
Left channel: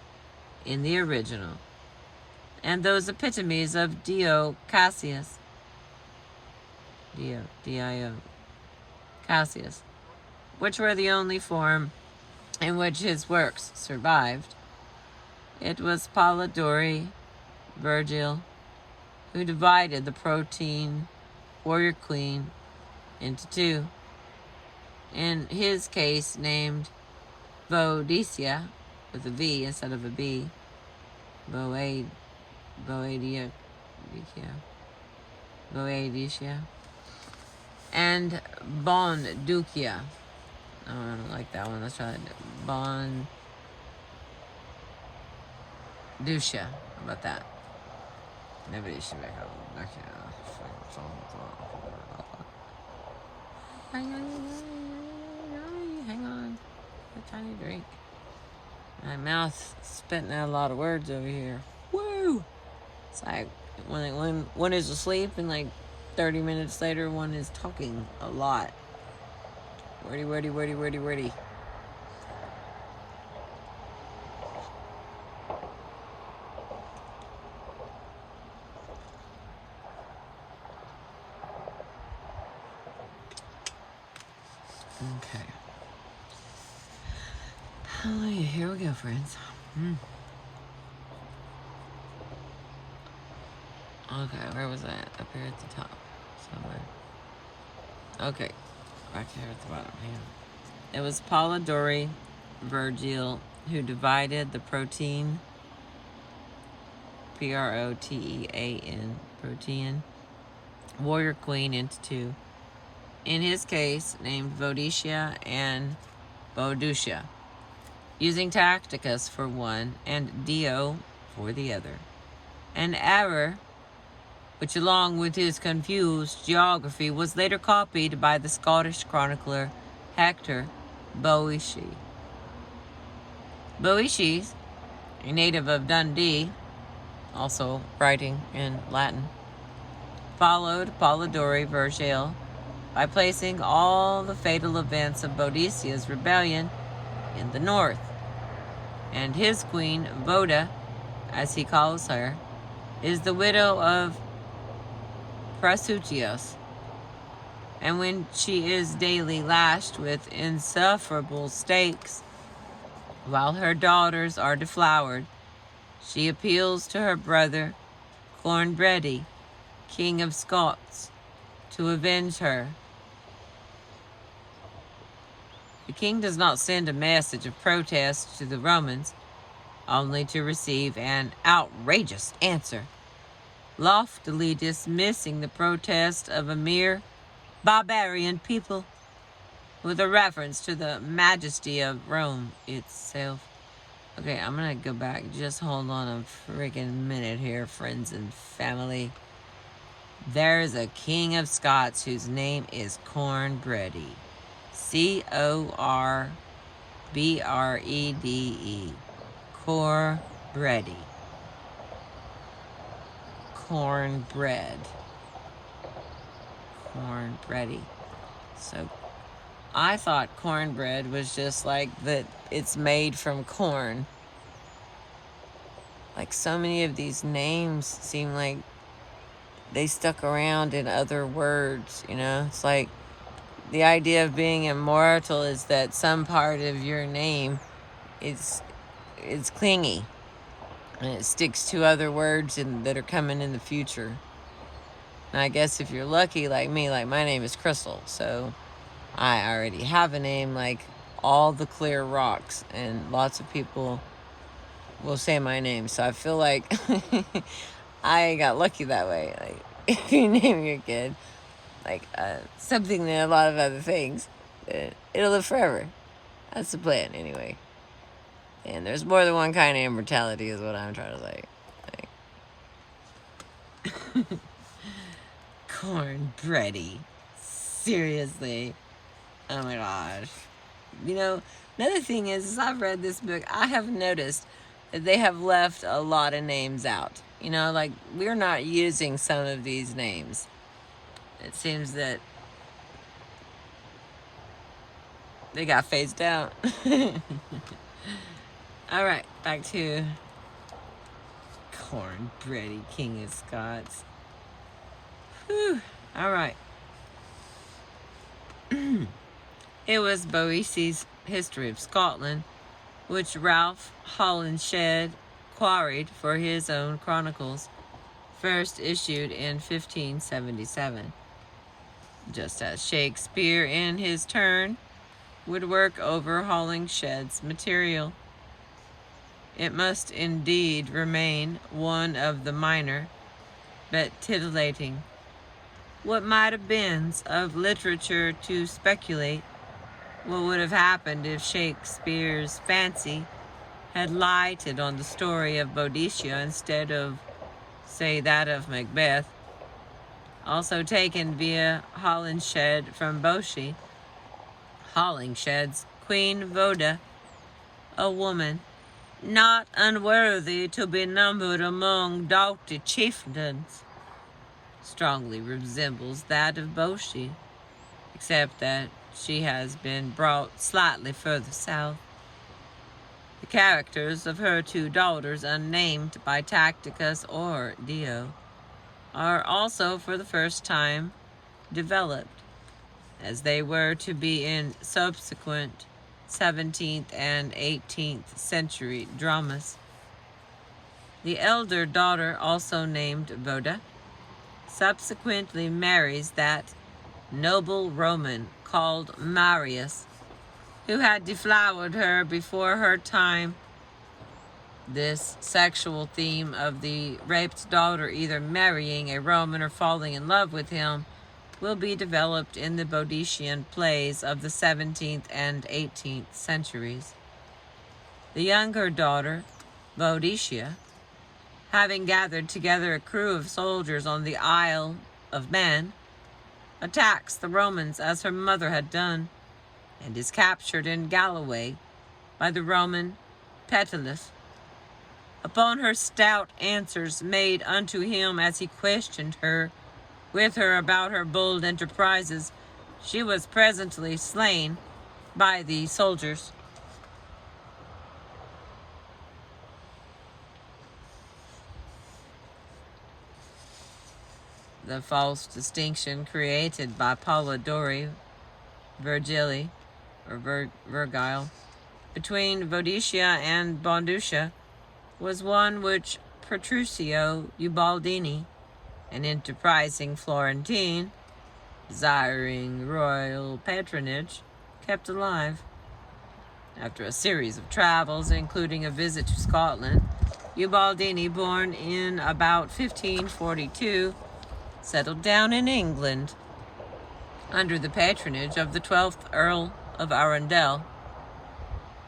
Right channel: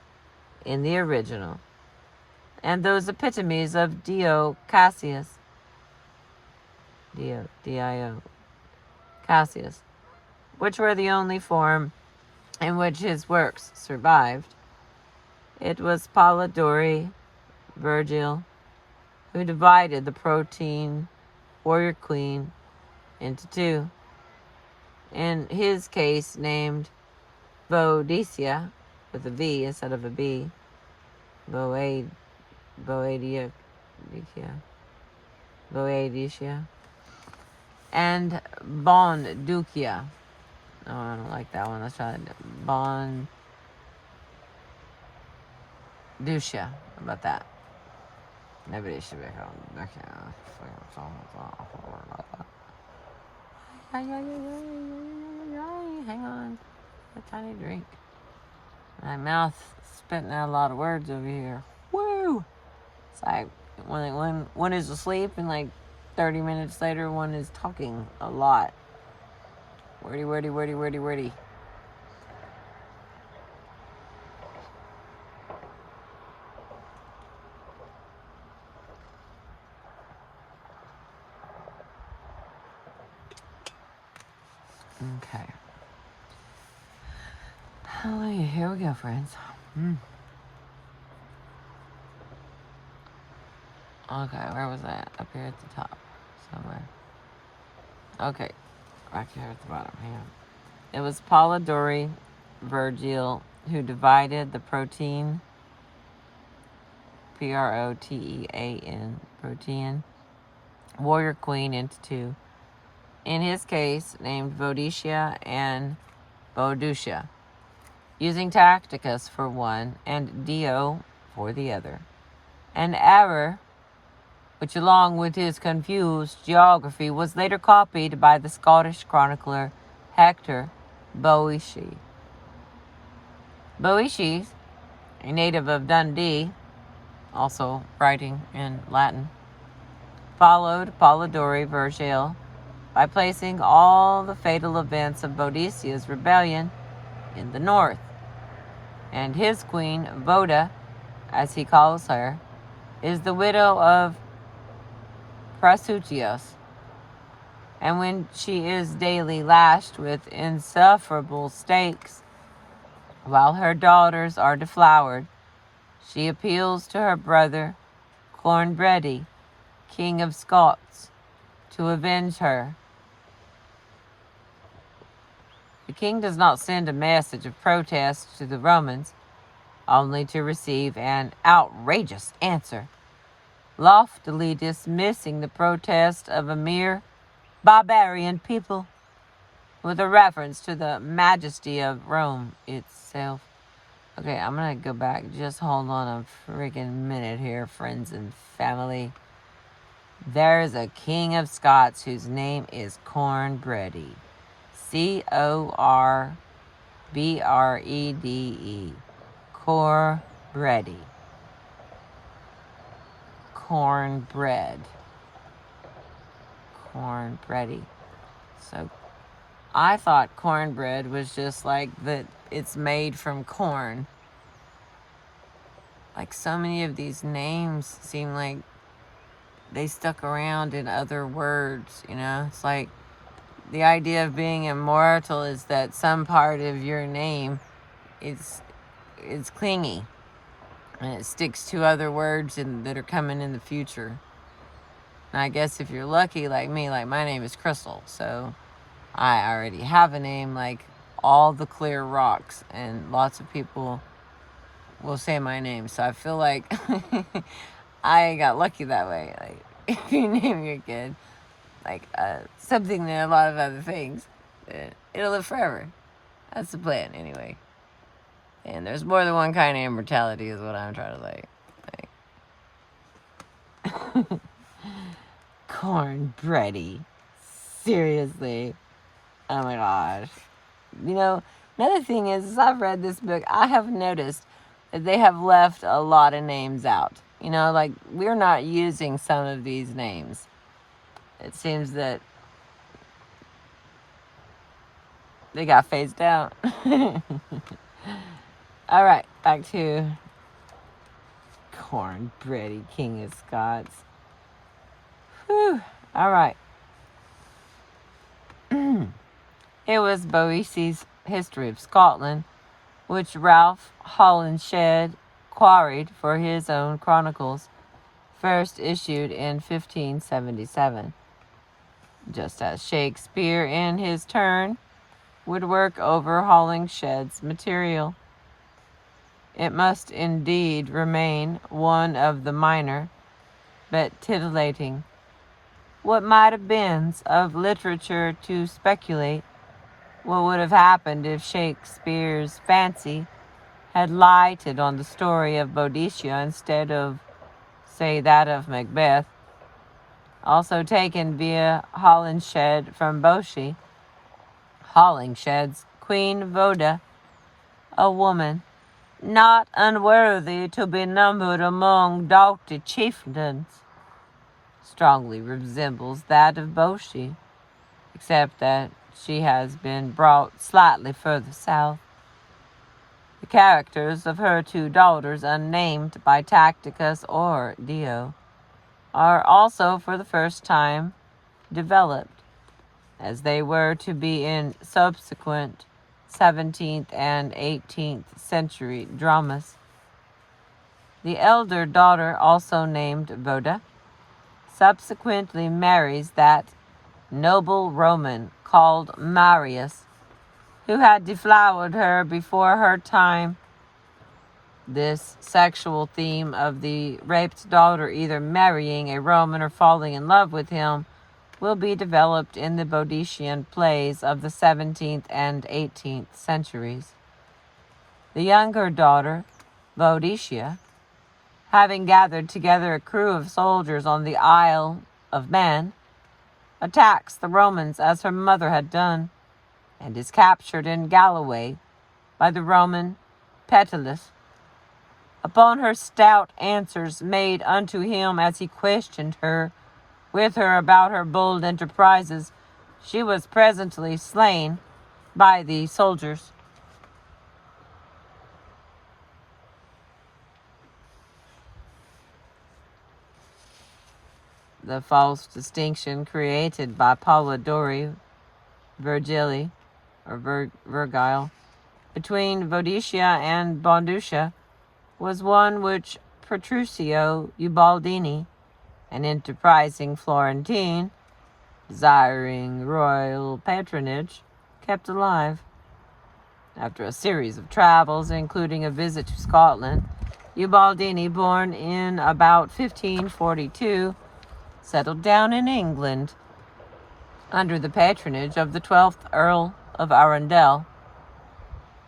in the original and those epitomes of Dio Cassius, D-I-O, Cassius, which were the only form in which his works survived. It was Polidori Virgil who divided the protein warrior queen into two, in his case named Boadicea, with a V instead of a B, Boadicea, and Bonducia. Oh, I don't like that one. Let's try it. Bonducia. How about that? Nobody should be called. Okay. Hang on. A tiny drink. My mouth's spitting out a lot of words over here. Woo! It's like when one is asleep and like 30 minutes later one is talking a lot. Wordy. Okay. Hallelujah. Here we go, friends. Okay, where was I? Up here at the top. Somewhere. Okay. Right here at the bottom. Hang on. It was Polidori Virgil who divided the protein, Protean, protein, warrior queen into two. In his case, named Boadicea and Boadicea, using Tacticus for one and Dio for the other. An error which, along with his confused geography, was later copied by the Scottish chronicler Hector Boece. Boece, a native of Dundee, also writing in Latin, followed Polidori Virgil by placing all the fatal events of Boadicea's rebellion in the north, and his queen, Voda, as he calls her, is the widow of Prasutius, and when she is daily lashed with insufferable stakes, while her daughters are deflowered, she appeals to her brother Cornbready, King of Scots, to avenge her. The king does not send a message of protest to the Romans, only to receive an outrageous answer, loftily dismissing the protest of a mere barbarian people, with a reference to the majesty of Rome itself. Okay, I'm gonna go back. Just hold on a friggin' minute here, friends and family. There's a king of Scots whose name is Cornbready. Corbrede. Cornbready. Cornbready. So I thought cornbread was just like that it's made from corn. Like so many of these names seem like they stuck around in other words, you know? It's like the idea of being immortal is that some part of your name is clingy and it sticks to other words that are coming in the future. And I guess if you're lucky like me, like my name is Crystal, so I already have a name like all the clear rocks, and lots of people will say my name. So I feel like I got lucky that way. Like if you name your kid like something than a lot of other things, it'll live forever. That's the plan anyway. And there's more than one kind of immortality is what I'm trying to say. Like, Cornbready. Seriously. Oh my gosh. You know, another thing is I've read this book, I have noticed that they have left a lot of names out. You know, like, we're not using some of these names. It seems that they got phased out. All right, back to Cornbready, King of Scots. Whew. All right. It was Boece's History of Scotland, which Ralph Holinshed quarried for his own chronicles, first issued in 1577. Just as Shakespeare, in his turn, would work over Holinshed's material. It must indeed remain one of the minor, but titillating what might have been of literature to speculate what would have happened if Shakespeare's fancy had lighted on the story of Boadicea instead of, say, that of Macbeth, also taken via Holinshed from Boece. Holinshed's Queen Voda, a woman not unworthy to be numbered among doughty chieftains, strongly resembles that of Boece, except that she has been brought slightly further south. The characters of her two daughters, unnamed by Tacitus or Dio, are also for the first time developed, as they were to be in subsequent 17th and 18th century dramas. The elder daughter, also named Voda, subsequently marries that noble Roman called Marius, who had deflowered her before her time. This sexual theme of the raped daughter either marrying a Roman or falling in love with him will be developed in the Boadician plays of the 17th and 18th centuries. The younger daughter, Boadicea, having gathered together a crew of soldiers on the Isle of Man, attacks the Romans as her mother had done, and is captured in Galloway by the Roman Petulus. Upon her stout answers made unto him as he questioned her with her about her bold enterprises, she was presently slain by the soldiers. The false distinction created by Polidori Virgili, or Virgile, between Boadicea and Bonducia was one which Petruccio Ubaldini, an enterprising Florentine, desiring royal patronage, kept alive. After a series of travels, including a visit to Scotland, Ubaldini, born in about 1542, settled down in England under the patronage of the 12th Earl of Arundel,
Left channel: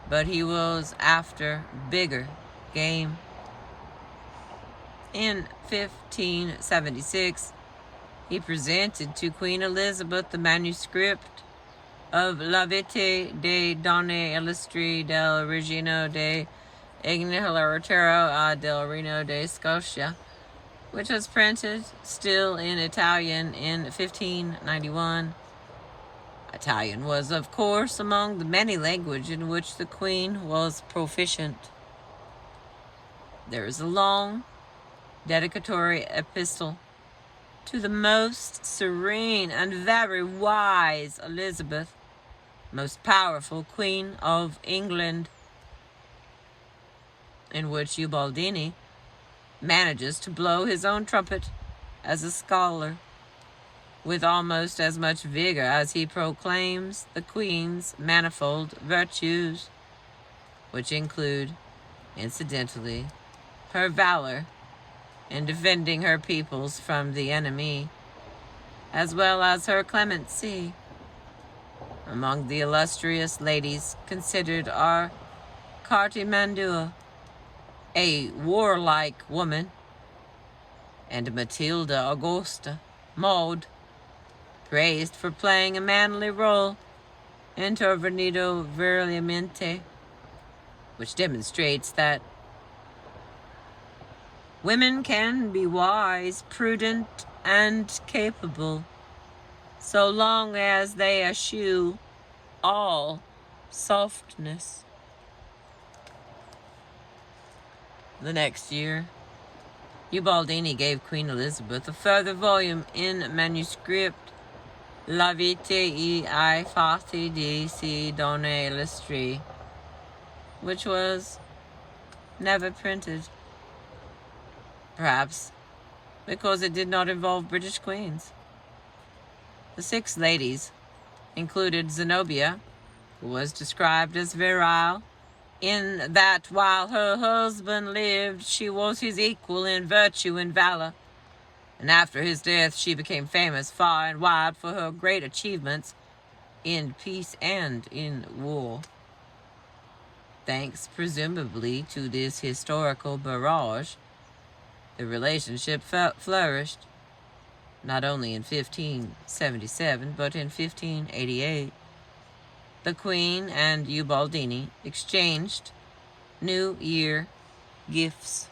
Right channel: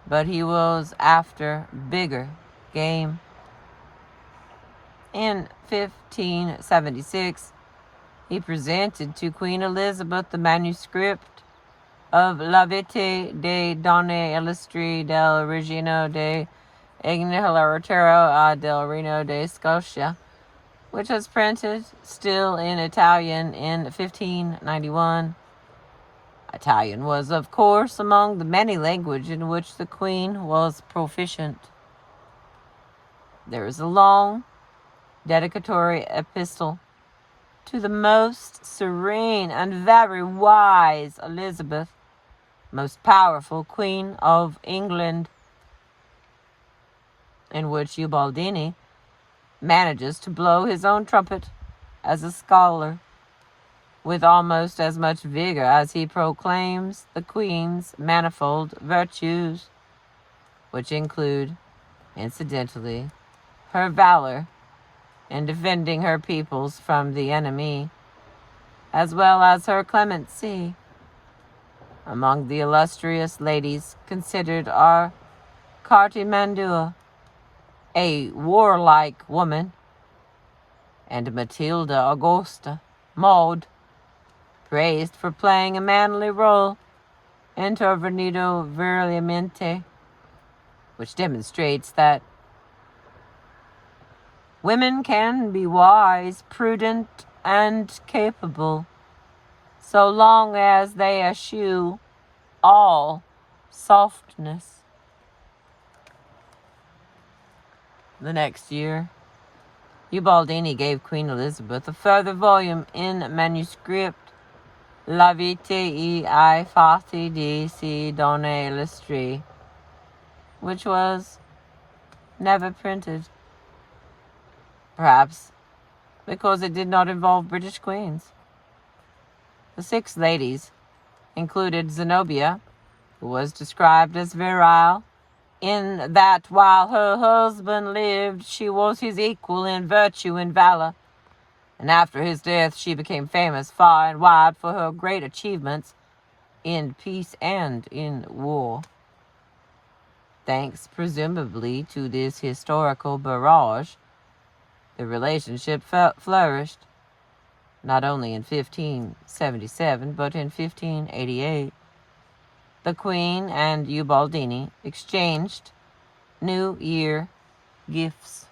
but he was after bigger game. In 1576, he presented to Queen Elizabeth the manuscript of La Vita de Donne Illustri del Regino de Ignalatero del Reino de Scotia, which was printed still in Italian in 1591. Italian was, of course, among the many languages in which the Queen was proficient. There is a long dedicatory epistle to the most serene and very wise Elizabeth, most powerful Queen of England, in which Ubaldini manages to blow his own trumpet as a scholar with almost as much vigor as he proclaims the Queen's manifold virtues, which include, incidentally, her valor in defending her peoples from the enemy, as well as her clemency. Among the illustrious ladies considered are Cartimandua, a warlike woman, and Matilda Augusta Maud, praised for playing a manly role intervenido virilmente, which demonstrates that Women can be wise, prudent, and capable, so long as they eschew all softness. The next year, Ubaldini gave Queen Elizabeth a further volume in manuscript, La Vita e I Fatti di Si Donne Illustri, which was never printed. Perhaps because it did not involve British queens. The 6 ladies included Zenobia, who was described as virile, in that while her husband lived, she was his equal in virtue and valor, and after his death she became famous far and wide for her great achievements in peace and in war. Thanks presumably to this historical barrage, the relationship flourished, not only in 1577, but in 1588. The Queen and Ubaldini exchanged New Year gifts.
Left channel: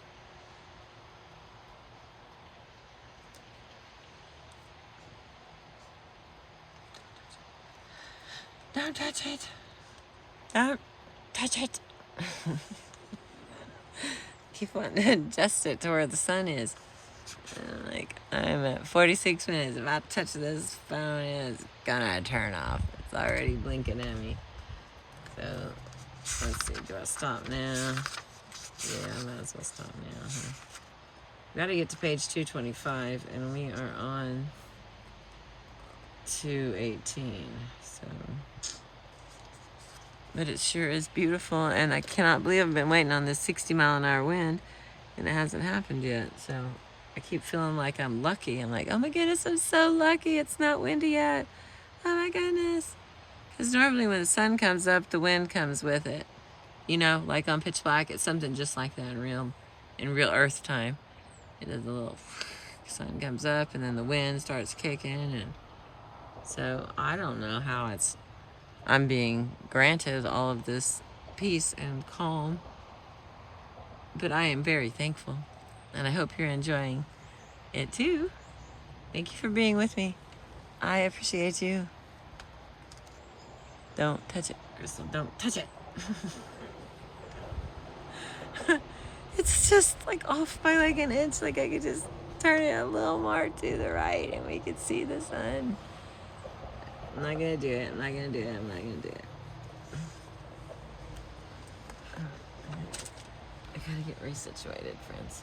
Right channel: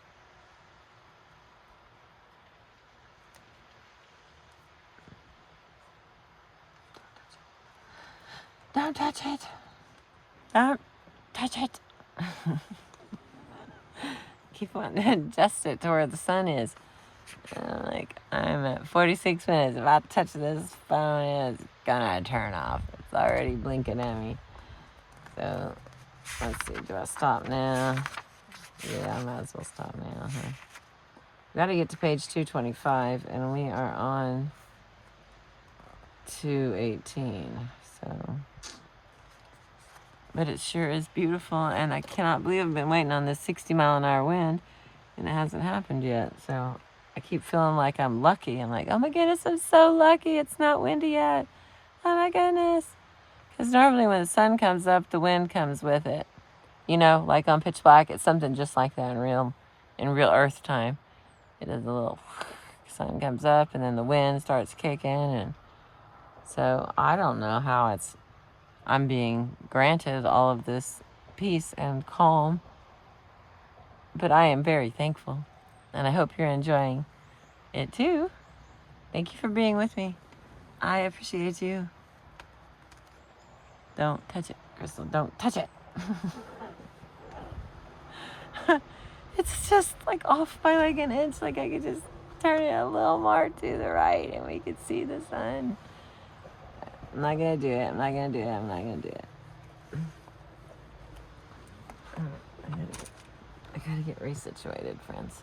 Don't touch it. Don't touch it. Keep wanting to adjust it to where the sun is. I'm at 46 minutes. If I touch this phone, it's gonna turn off. It's already blinking at me. So, let's see. Do I stop now? Yeah, I might as well stop now, huh? Gotta get to page 225, and we are on 218. So, but it sure is beautiful, and I cannot believe I've been waiting on this 60-mile-an-hour wind, and it hasn't happened yet. So, I keep feeling like I'm lucky. I'm like, oh my goodness, I'm so lucky it's not windy yet. Oh my goodness. Because normally when the sun comes up, the wind comes with it. You know, like on Pitch Black, it's something just like that in real Earth time. It is a little sun comes up and then the wind starts kicking. And so I don't know how I'm being granted all of this peace and calm. But I am very thankful. And I hope you're enjoying it too. Thank you for being with me. I appreciate you. Don't touch it, Crystal. Don't touch it. It's just like off by like an inch. Like I could just turn it a little more to the right and we could see the sun. I'm not going to do it. I'm not going to do it. I'm not going to do it. I got to get resituated, friends.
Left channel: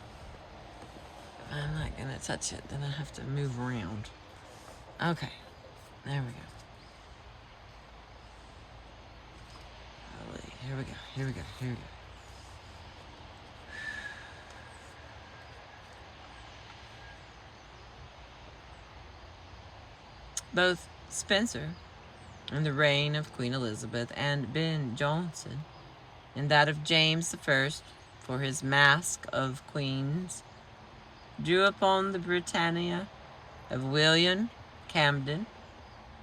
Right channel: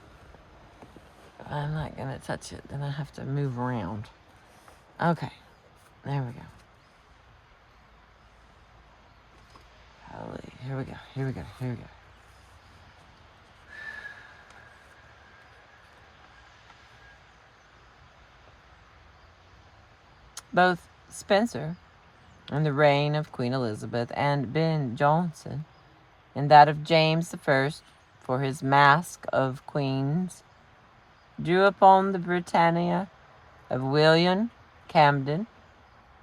If I'm not going to touch it, then I have to move around. Okay. There we go. Holy, here we go. Here we go. Here we go. Both Spencer in the reign of Queen Elizabeth and Ben Jonson in that of James I for his Masque of Queens drew upon the Britannia of William Camden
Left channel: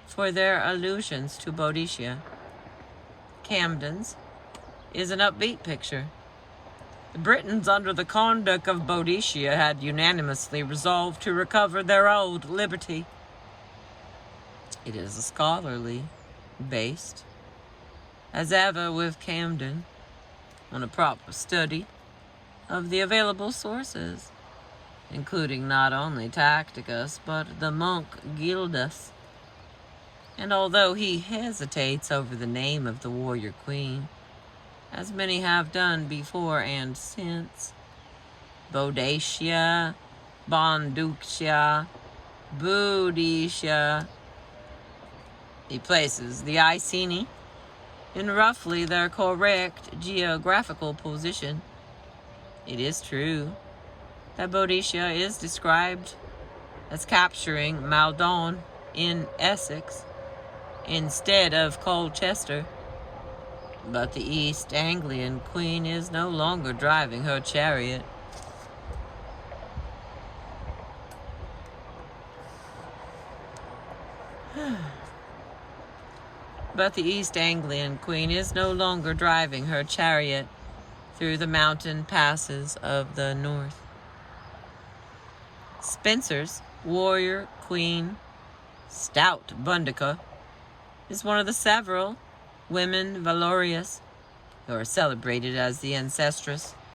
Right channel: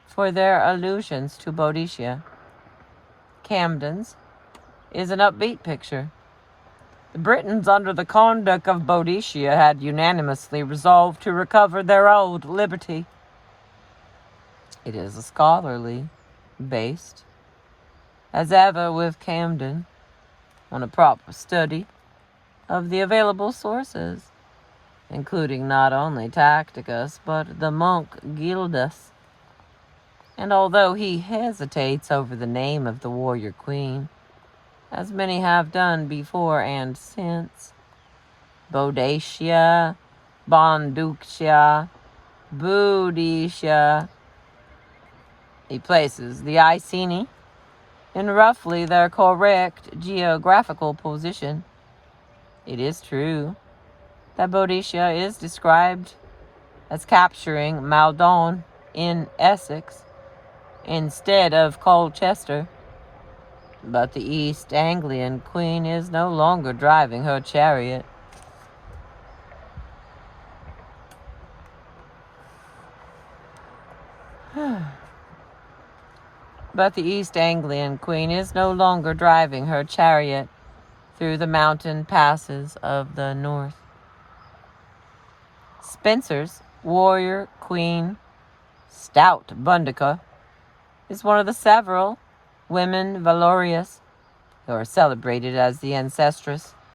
for their allusions to Boadicea. Camden's is an upbeat picture. The Britons under the conduct of Boadicea had unanimously resolved to recover their old liberty. It is a scholarly, based, as ever with Camden, on a proper study of the available sources, including not only Tacitus, but the monk Gildas. And although he hesitates over the name of the warrior queen, as many have done before and since, Boadicea, Bonducia, Boudicea, he places the Iceni in roughly their correct geographical position. It is true that Boadicea is described as capturing Maldon in Essex instead of Colchester, but the East Anglian queen is no longer driving her chariot. But the East Anglian queen is no longer driving her chariot through the mountain passes of the north. Spenser's warrior queen, stout Bundica, is one of the several women valorous who are celebrated as the ancestress